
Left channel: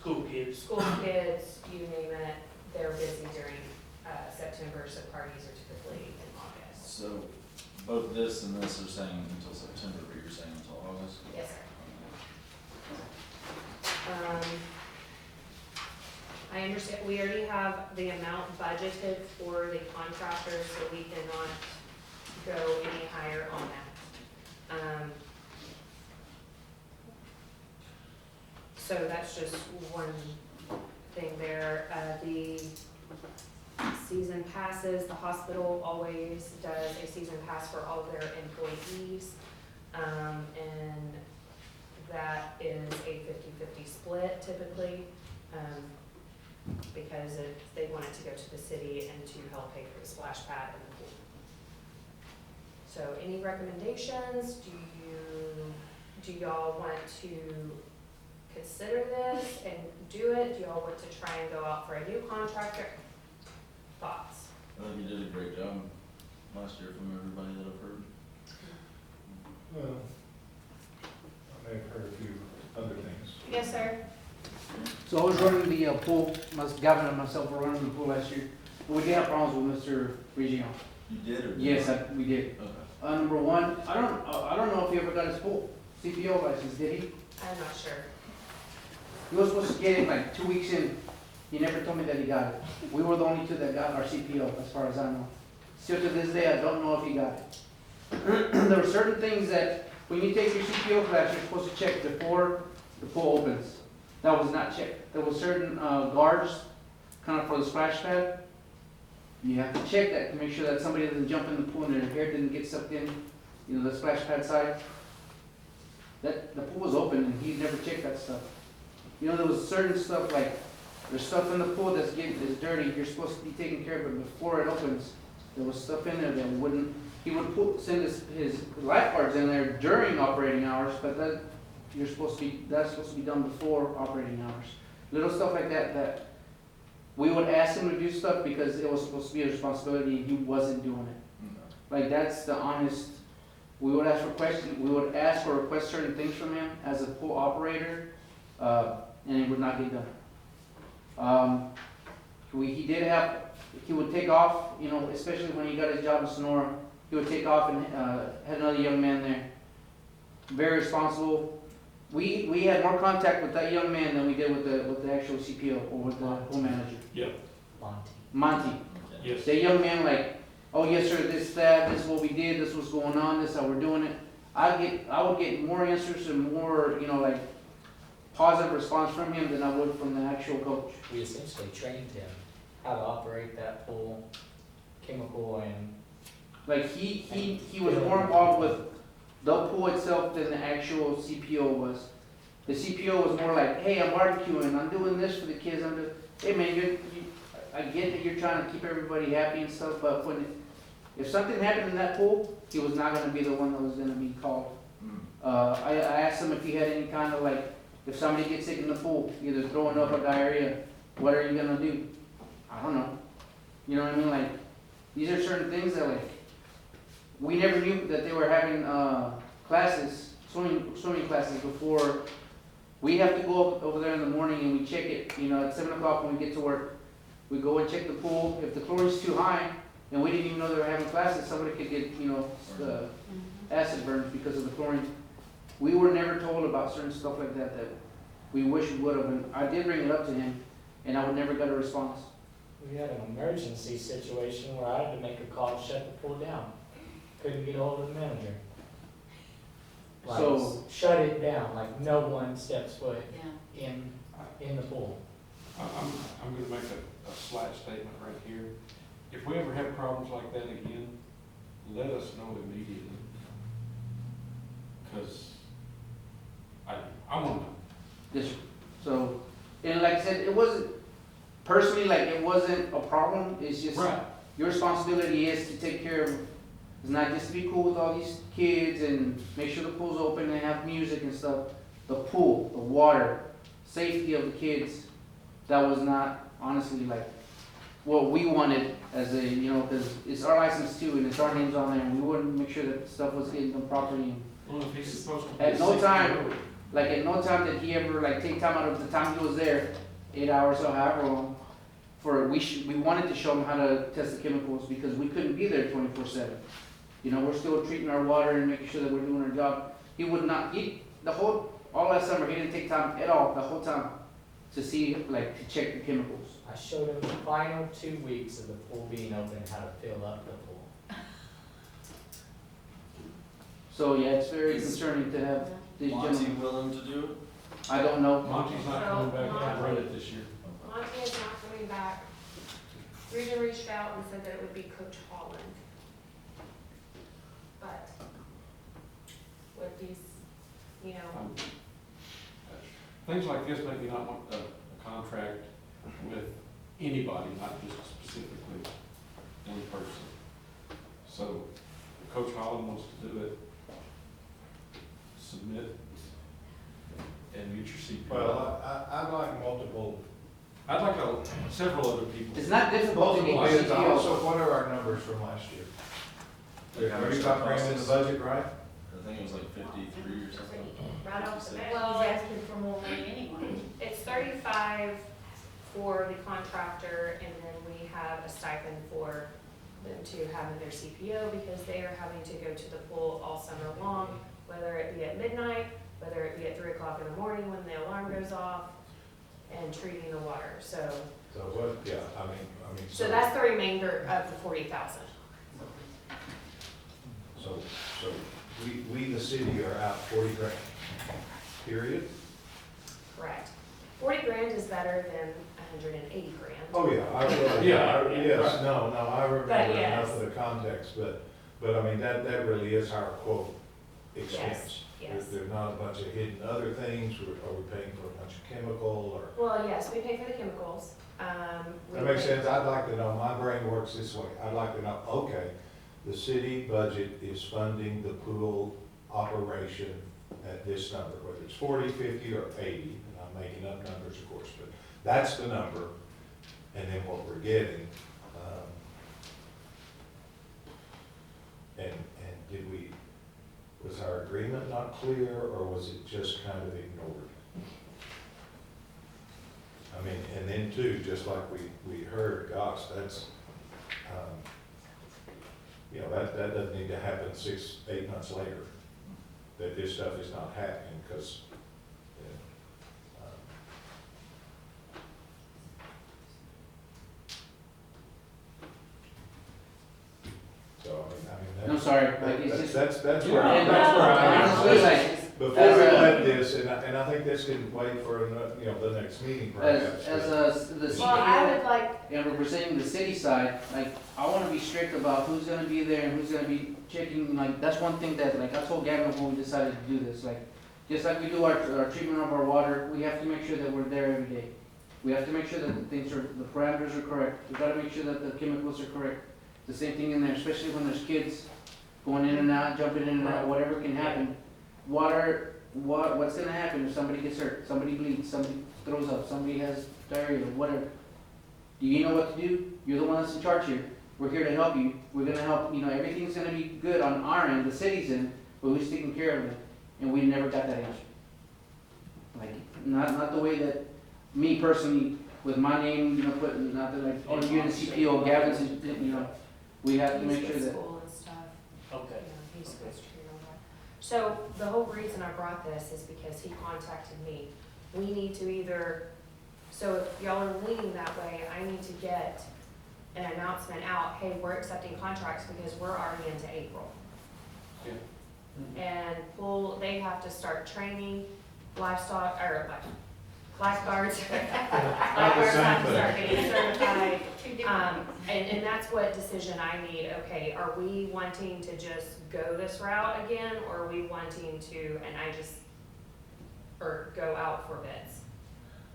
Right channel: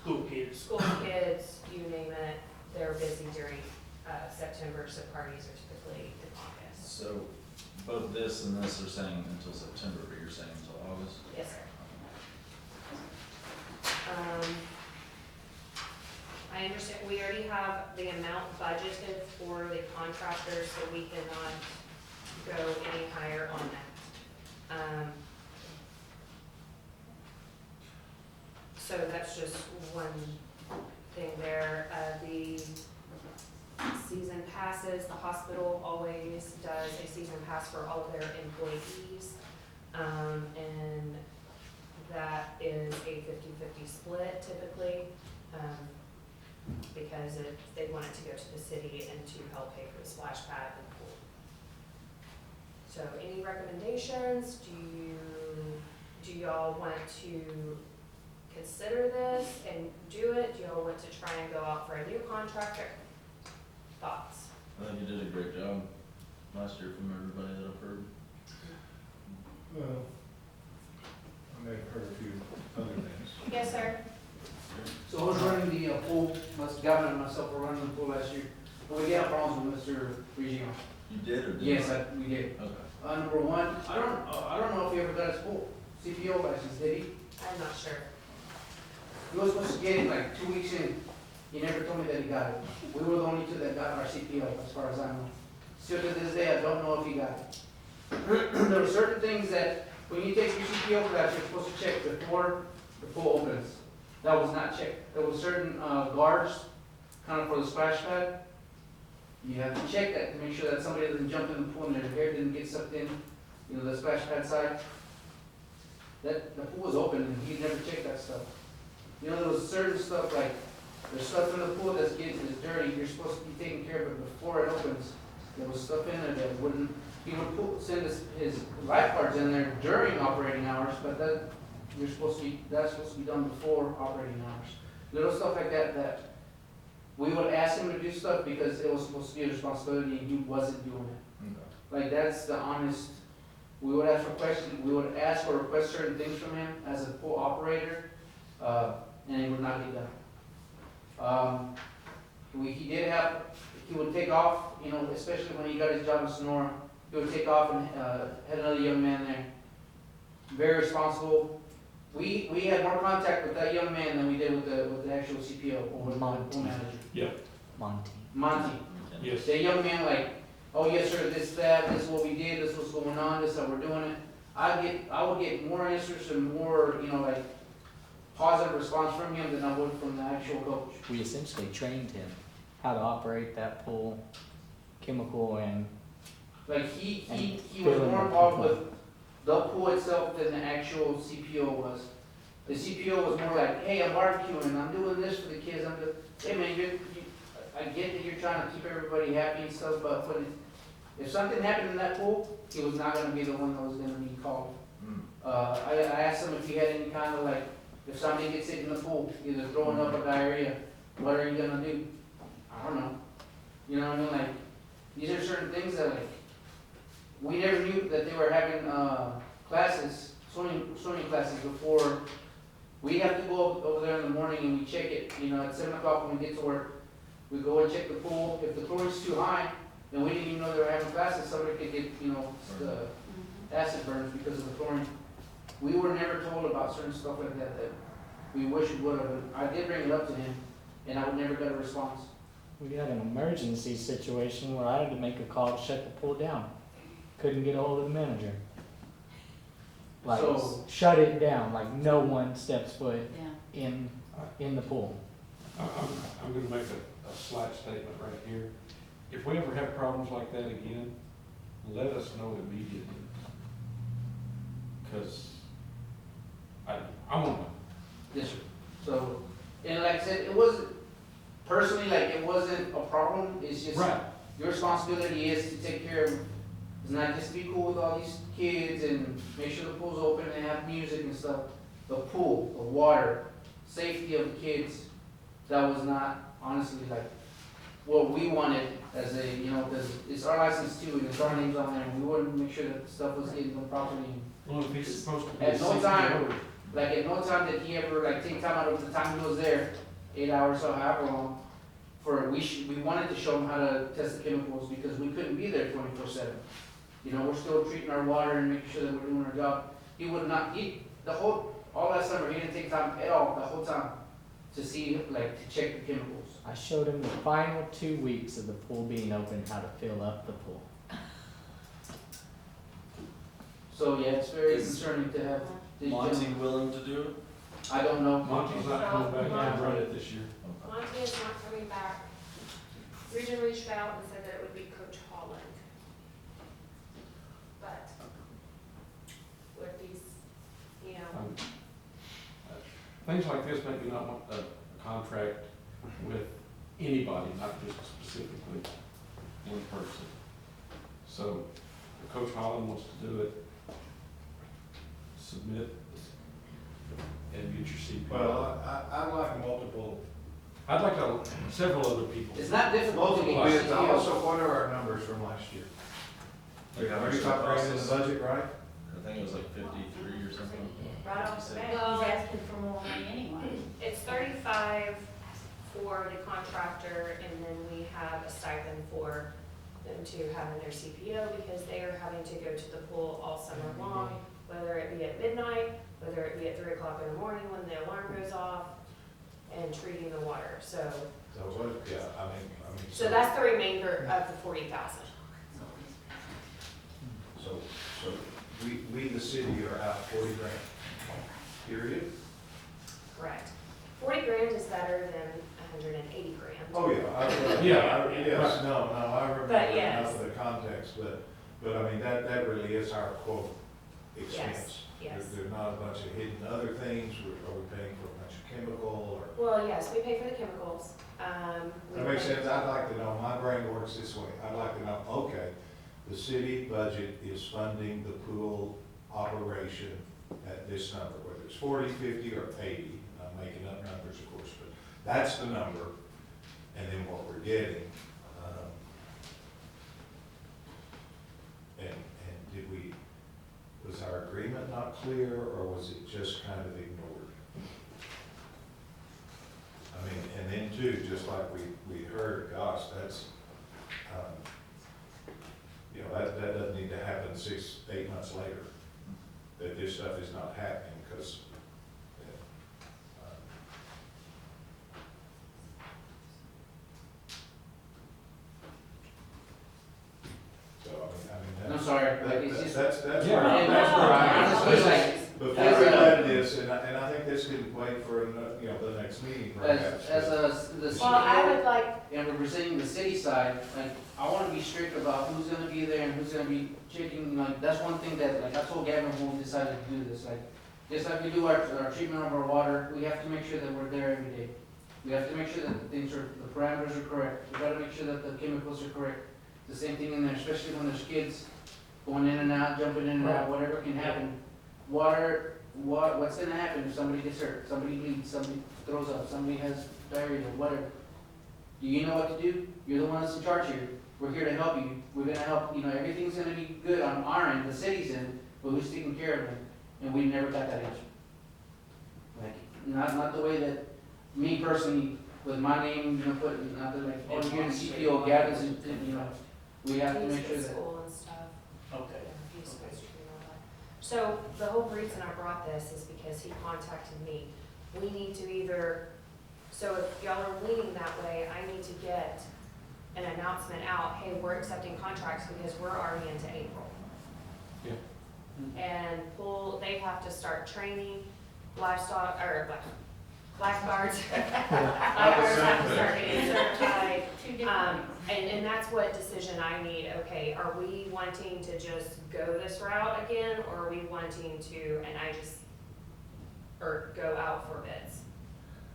School kids. school kids, you name it, they're busy during September, so parties are typically in August. So both this and this are saying until September, but you're saying until August? Yes, sir. I understand, we already have the amount budgeted for the contractors, so we cannot go any higher on that. So that's just one thing there. The season passes, the hospital always does a season pass for all of their employees. And that is a 50-50 split typically, because they want it to go to the city and to help pay for the splash pad and the pool. So any recommendations? Do y'all want to consider this and do it? Do y'all want to try and go out for a new contractor? Thoughts? I think you did a great job last year from everybody that I've heard. I may have heard a few other things. Yes, sir. So I was running the pool, Gavin and myself were running the pool last year. We did have problems with Mr. Regino. You did or did Yes, not? we did. Okay. Number one, I don't know if he ever got his pool CPO license, did he? I'm not sure. He was supposed to get it like 2 weeks in. He never told me that he got it. We were the only two that got our CPO, as far as I know. Still to this day, I don't know if he got it. There were certain things that, when you take your CPO class, you're supposed to check before the pool opens. That was not checked. There were certain guards, kind of for the splash pad. You have to check that to make sure that somebody doesn't jump in the pool and their hair didn't get sucked in, you know, the splash pad side. That, the pool was open and he never checked that stuff. You know, there was certain stuff like, there's stuff in the pool that's is dirty, you're supposed to be taking care of it before it opens. There was stuff in there that wouldn't, he would send his lifeguards in there during operating hours, but that, that's supposed to be done before operating hours. Little stuff like that, that we would ask him to do stuff because it was supposed to be a responsibility and he wasn't doing it. Okay. Like, that's the honest, we would ask for request certain things from him as a pool operator, and it would not get done. He would take off, you know, especially when he got his job in Sonora, he would take off and, had another young man there. Very responsible. We had more contact with that young man than we did with the actual CPO or with my pool manager. Yep. Monty. Yes. The young man like, oh yes sir, this is what we did, this is what's going on, this is how we're doing it. I would get more answers and more, you know, like positive response from him than I would from the actual coach. We essentially trained him how to operate that pool, chemical and. Like he was more involved with the pool itself than the actual CPO was. The CPO was more like, hey, I'm barbecuing, I'm doing this for the kids, hey man, I get that you're trying to keep everybody happy and stuff, but if something happened in that pool, he was not gonna be the one that was gonna be called. I asked him if he had any kind of like, if somebody gets sick in the pool, either throwing up or diarrhea, what are you gonna do? I don't know. You know what I mean? Like, these are certain things that like, we never knew that they were having classes, swimming classes before. We have to go over there in the morning and we check it, you know, at 7 o'clock when we get to work. We go and check the pool. If the chlorine's too high, and we didn't even know they were having classes, somebody could get, you know, the acid burns because of the chlorine. We were never told about certain stuff like that that we wish we would have. And I did bring it up to him, and I would never get a response. We had an emergency situation where I had to make a call to shut the pool down. Couldn't get a hold of the manager. Like, So- shut it down, like no one steps foot Yeah. in the pool. I'm gonna make a slight statement right here. If we ever have problems like that again, let us know immediately. Cause I wanna know. Yes, sir. So, and like I said, it wasn't, personally, like, it wasn't a problem, it's just, Right. your responsibility is to take care of, it's not just to be cool with all these kids and make sure the pool's open and have music and stuff. The pool, the water, safety of the kids, that was not honestly like what we wanted as a, you know, cause it's our license too, and it's our names on there, and we wanted to make sure that stuff was getting done properly. Well, if he's supposed to be. At no a time- CPO, Like, at no time did he ever, like, take time out of the time he was there, 8 hours or however long, we wanted to show him how to test the chemicals, because we couldn't be there 24/7. You know, we're still treating our water and making sure that we're doing our job. He would not, all that summer, he didn't take time at all, the whole time, to see, like, to check the chemicals. I showed him the final 2 weeks of the pool being open, how to fill up the pool. So, yeah, it's very Is- concerning to have these Monty gentlemen, willing to do it? I don't know. Monty's not coming back to run it this year. Monty is not coming back. Region reached out and said that it would be Coach Holland. But with these, you know, Things like this, maybe not want a contract with anybody, not just specifically one person. So, if Coach Holland wants to do it, submit and meet your CPO. Well, I'd like multiple, I'd like several other people. It's not difficult to multiple get bids. CPO. Also, what are our numbers from last year? Like how Are much you it talking costs in the us? budget, right? I think it was like 53 or something. Right off the bat, Well, he's asking for more money anyway. it's 35 for the contractor, and then we have a stipend for them to have in their CPO, because they are having to go to the pool all summer long, whether it be at midnight, whether it be at 3 o'clock in the morning when the alarm goes off, and treating the water, so. So what, yeah, I mean. So that's the remainder of the 40,000. So we, the city are out 40 grand, period? Correct. 40 grand is better than 180 grand. Oh, yeah, I remember. Yeah, Yes, no, I remember But yes. enough of the context, but I mean, that really is our quote expense. Yes. There's not a bunch of hidden other things, are we paying for a bunch of chemical or? Well, yes, we pay for the chemicals. We That makes pay- sense, I'd like to know, my brain works this way, I'd like to know, okay, the city budget is funding the pool operation at this number, whether it's 40, 50, or 80, and I'm making up numbers, of course, but that's the number, and then what we're getting. And did we, was our agreement not clear, or was it just kind of ignored? I mean, and then too, just like we heard, gosh, that's, you know, that doesn't need to happen 6, 8 months later, that this stuff is not happening, because, so, I mean, I'm sorry, like, it's just, that's Yeah. where I, and that's where I. honestly, like, Before we let this, and I think this can wait for, you know, the next meeting perhaps. as the Well, I CEO, would like, and representing the city side, like, I wanna be strict about who's gonna be there and who's gonna be checking, like, that's one thing that, like, I told Gavin when we decided to do this, like, just like we do our treatment of our water, we have to make sure that we're there every day. We have to make sure that the things are, the parameters are correct, we gotta make sure that the chemicals are correct. The same thing in there, especially when there's kids going in and out, jumping in and out, whatever can happen. Water, what's gonna happen if somebody gets hurt, somebody bleeds, somebody throws up, somebody has diarrhea, whatever? Do you know what to do? You're the one that's in charge here. We're here to help you. We're gonna help, you know, everything's gonna be good on our end, the city's end, but who's taking care of it? And we never got that answer. Like, not the way that, me personally, with my name, you know, putting, not that like, oh, you're in the CPO, Gavin's, you know, we have to he's make sure at that. school and stuff. Okay. Yeah, he's supposed to know that. So the whole reason I brought this is because he contacted me. We need to either, so if y'all are leaning that way, I need to get an announcement out, hey, we're accepting contracts because we're already into April. Yeah. And pool, they have to start training livestock, or lifeguards. Lifeguards have to start getting certified. And that's what decision I need. Okay, are we wanting to just go this route again, or are we wanting to, or go out for bids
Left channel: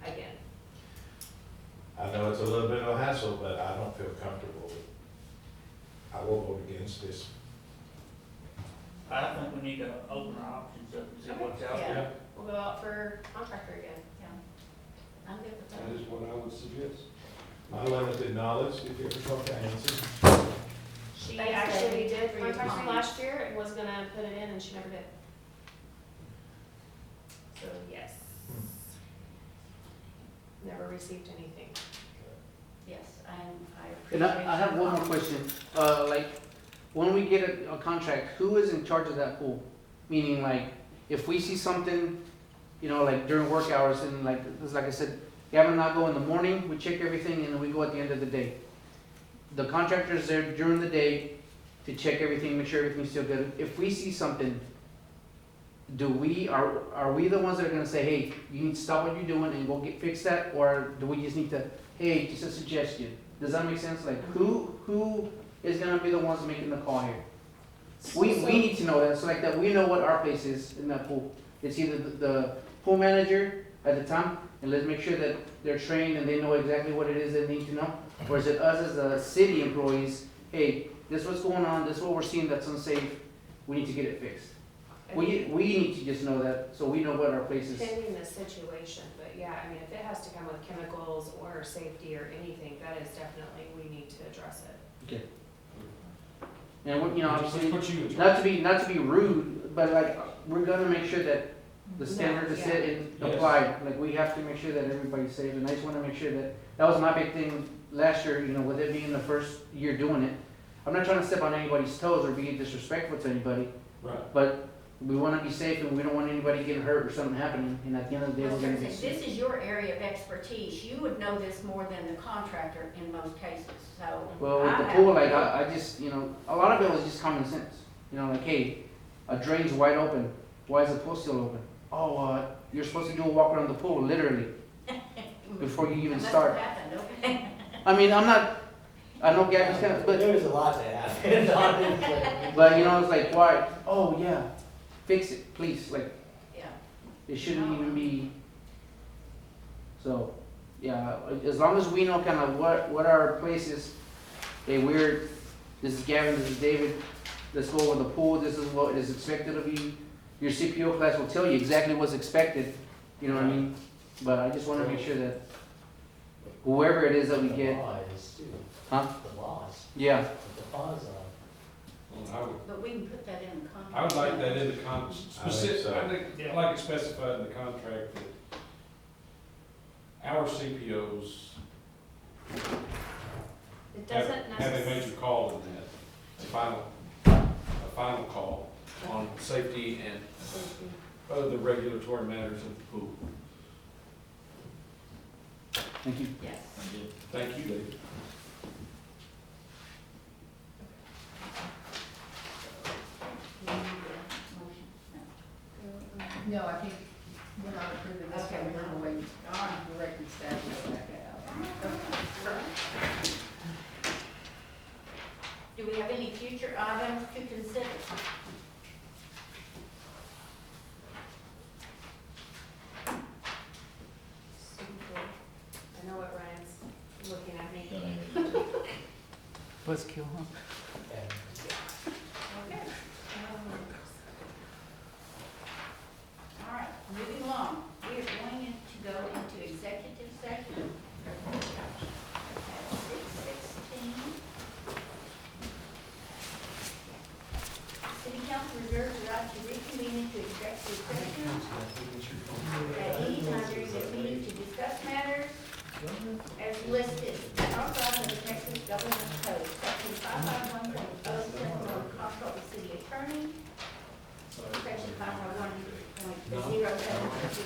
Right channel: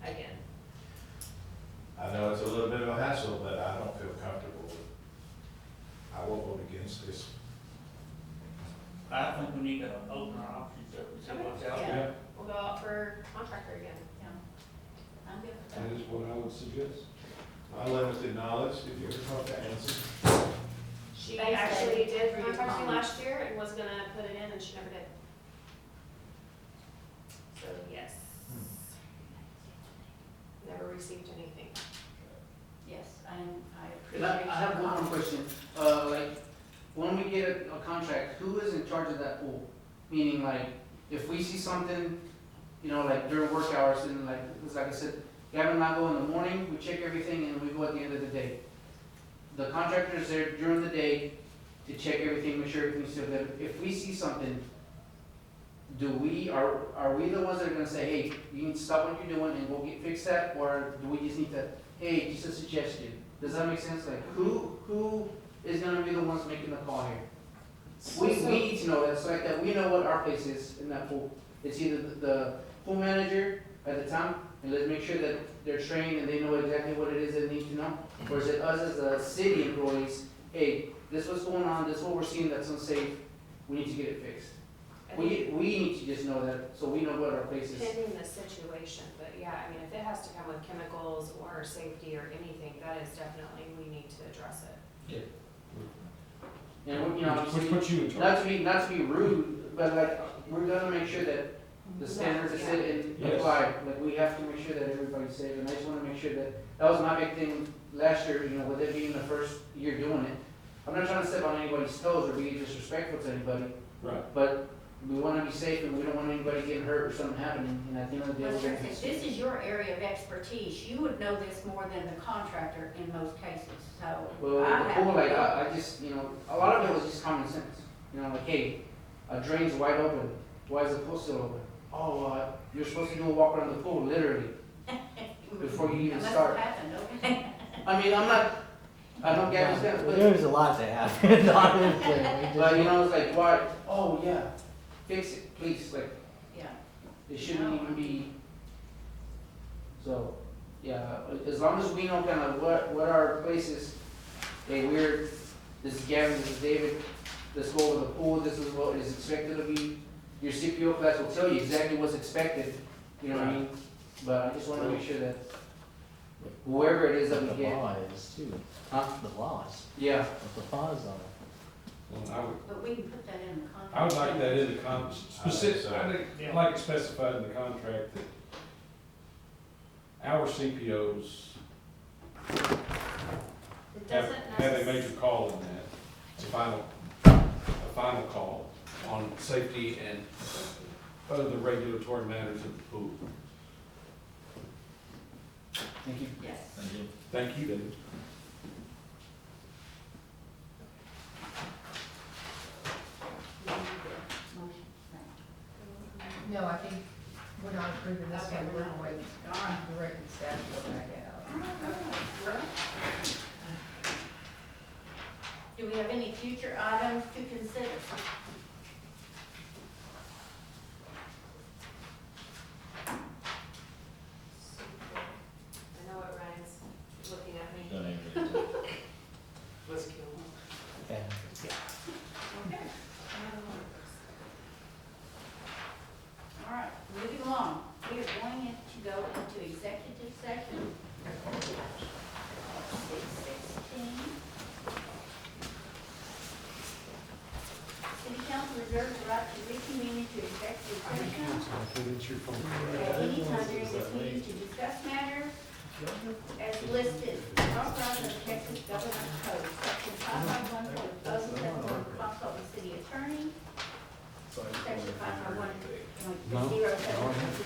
again? I know it's a little bit of a hassle, but I don't feel comfortable with, I will vote against this. I think we need to open our options up and see what's out Yeah. there. We'll go out for contractor again. I'm good with That that. is what I would suggest. My limited knowledge, if you ever talk to Nancy, She Thanks, actually Debbie, did for your contact me comments. last year and was gonna put it in, and she never did. So, yes. Never received anything. Yes, I And appreciate. I have your one more comments. question. Like, when we get a contract, who is in charge of that pool? Meaning like, if we see something, you know, like during work hours and like, it's like I said, Gavin and I go in the morning, we check everything and then we go at the end of the day. The contractor's there during the day to check everything, make sure everything's still good. If we see something, are we the ones that are gonna say, hey, you need to stop what you're doing and go fix that? Or do we just need to, hey, just a suggestion? Does that make sense? Like, who is gonna be the ones making the call here? We need to know that, so like that we know what our place is in that pool. It's either the pool manager at the time, and let's make sure that they're trained and they know exactly what it is they need to know. Or is it us as the city employees, hey, this is what's going on, this is what we're seeing that's unsafe, we need to get it fixed. We need to just know that, so we know what our place is. Depending the situation, but yeah, I mean, if it has to come with chemicals or safety or anything, that is definitely, we need to address it. Okay. And we, you know, Which obviously, puts you in charge. not to be rude, but like, we're gonna make sure that the standards are set and Yes. applied. Like, we have to make sure that everybody's safe, and I just wanna make sure that was my big thing last year, you know, with it being the first year doing it. I'm not trying to step on anybody's toes or be disrespectful to anybody, Right. but we wanna be safe and we don't want anybody getting hurt or something happening, and at the end of the day, I we're was gonna gonna be say, safe. this is your area of expertise. You would know this more than the contractor in most cases, so. Well, I with the have- pool, like, I just, you know, a lot of it was just common sense. You know, like, hey, a drain's wide open, why is the pool still open? Oh, you're supposed to do a walk around the pool, literally, before you even That's start. what happened, okay? I mean, I know Gavin's kind of, but, There's a lot to happen, honestly. but you know, it's like, why, oh, yeah, fix it, please, like, Yeah. it shouldn't even be. So, yeah, as long as we know kind of what our place is, hey, this is Gavin, this is David, let's go over the pool, this is what is expected of you. Your CPO class will tell you exactly what's expected, you know what I mean? But I just wanna make sure that whoever it is that we The get, law is too. huh? The laws, Yeah, what the laws are. Well, But we can put that in the contract. I would like that in the specific, so. I think, I'd like it specified in the contract that our CPOs It have doesn't a necessarily. major call in that. It's a final call on safety and other regulatory matters of the pool. thank you. Yes. Thank you, David. No, I think we're not approving this Okay, one, we're we're not. gonna wait, All right. directing staff to go back out. Do we have any future items to consider? I know what Ryan's looking at me. Let's kill him. Okay. All right, moving along. We are going to go into executive session. At 6:16. City council reserves the right to reconvene into executive session at any time during this meeting to discuss matters as listed, authorized in the Texas Government Code, section 551.07, consult with city attorney, section 551.07,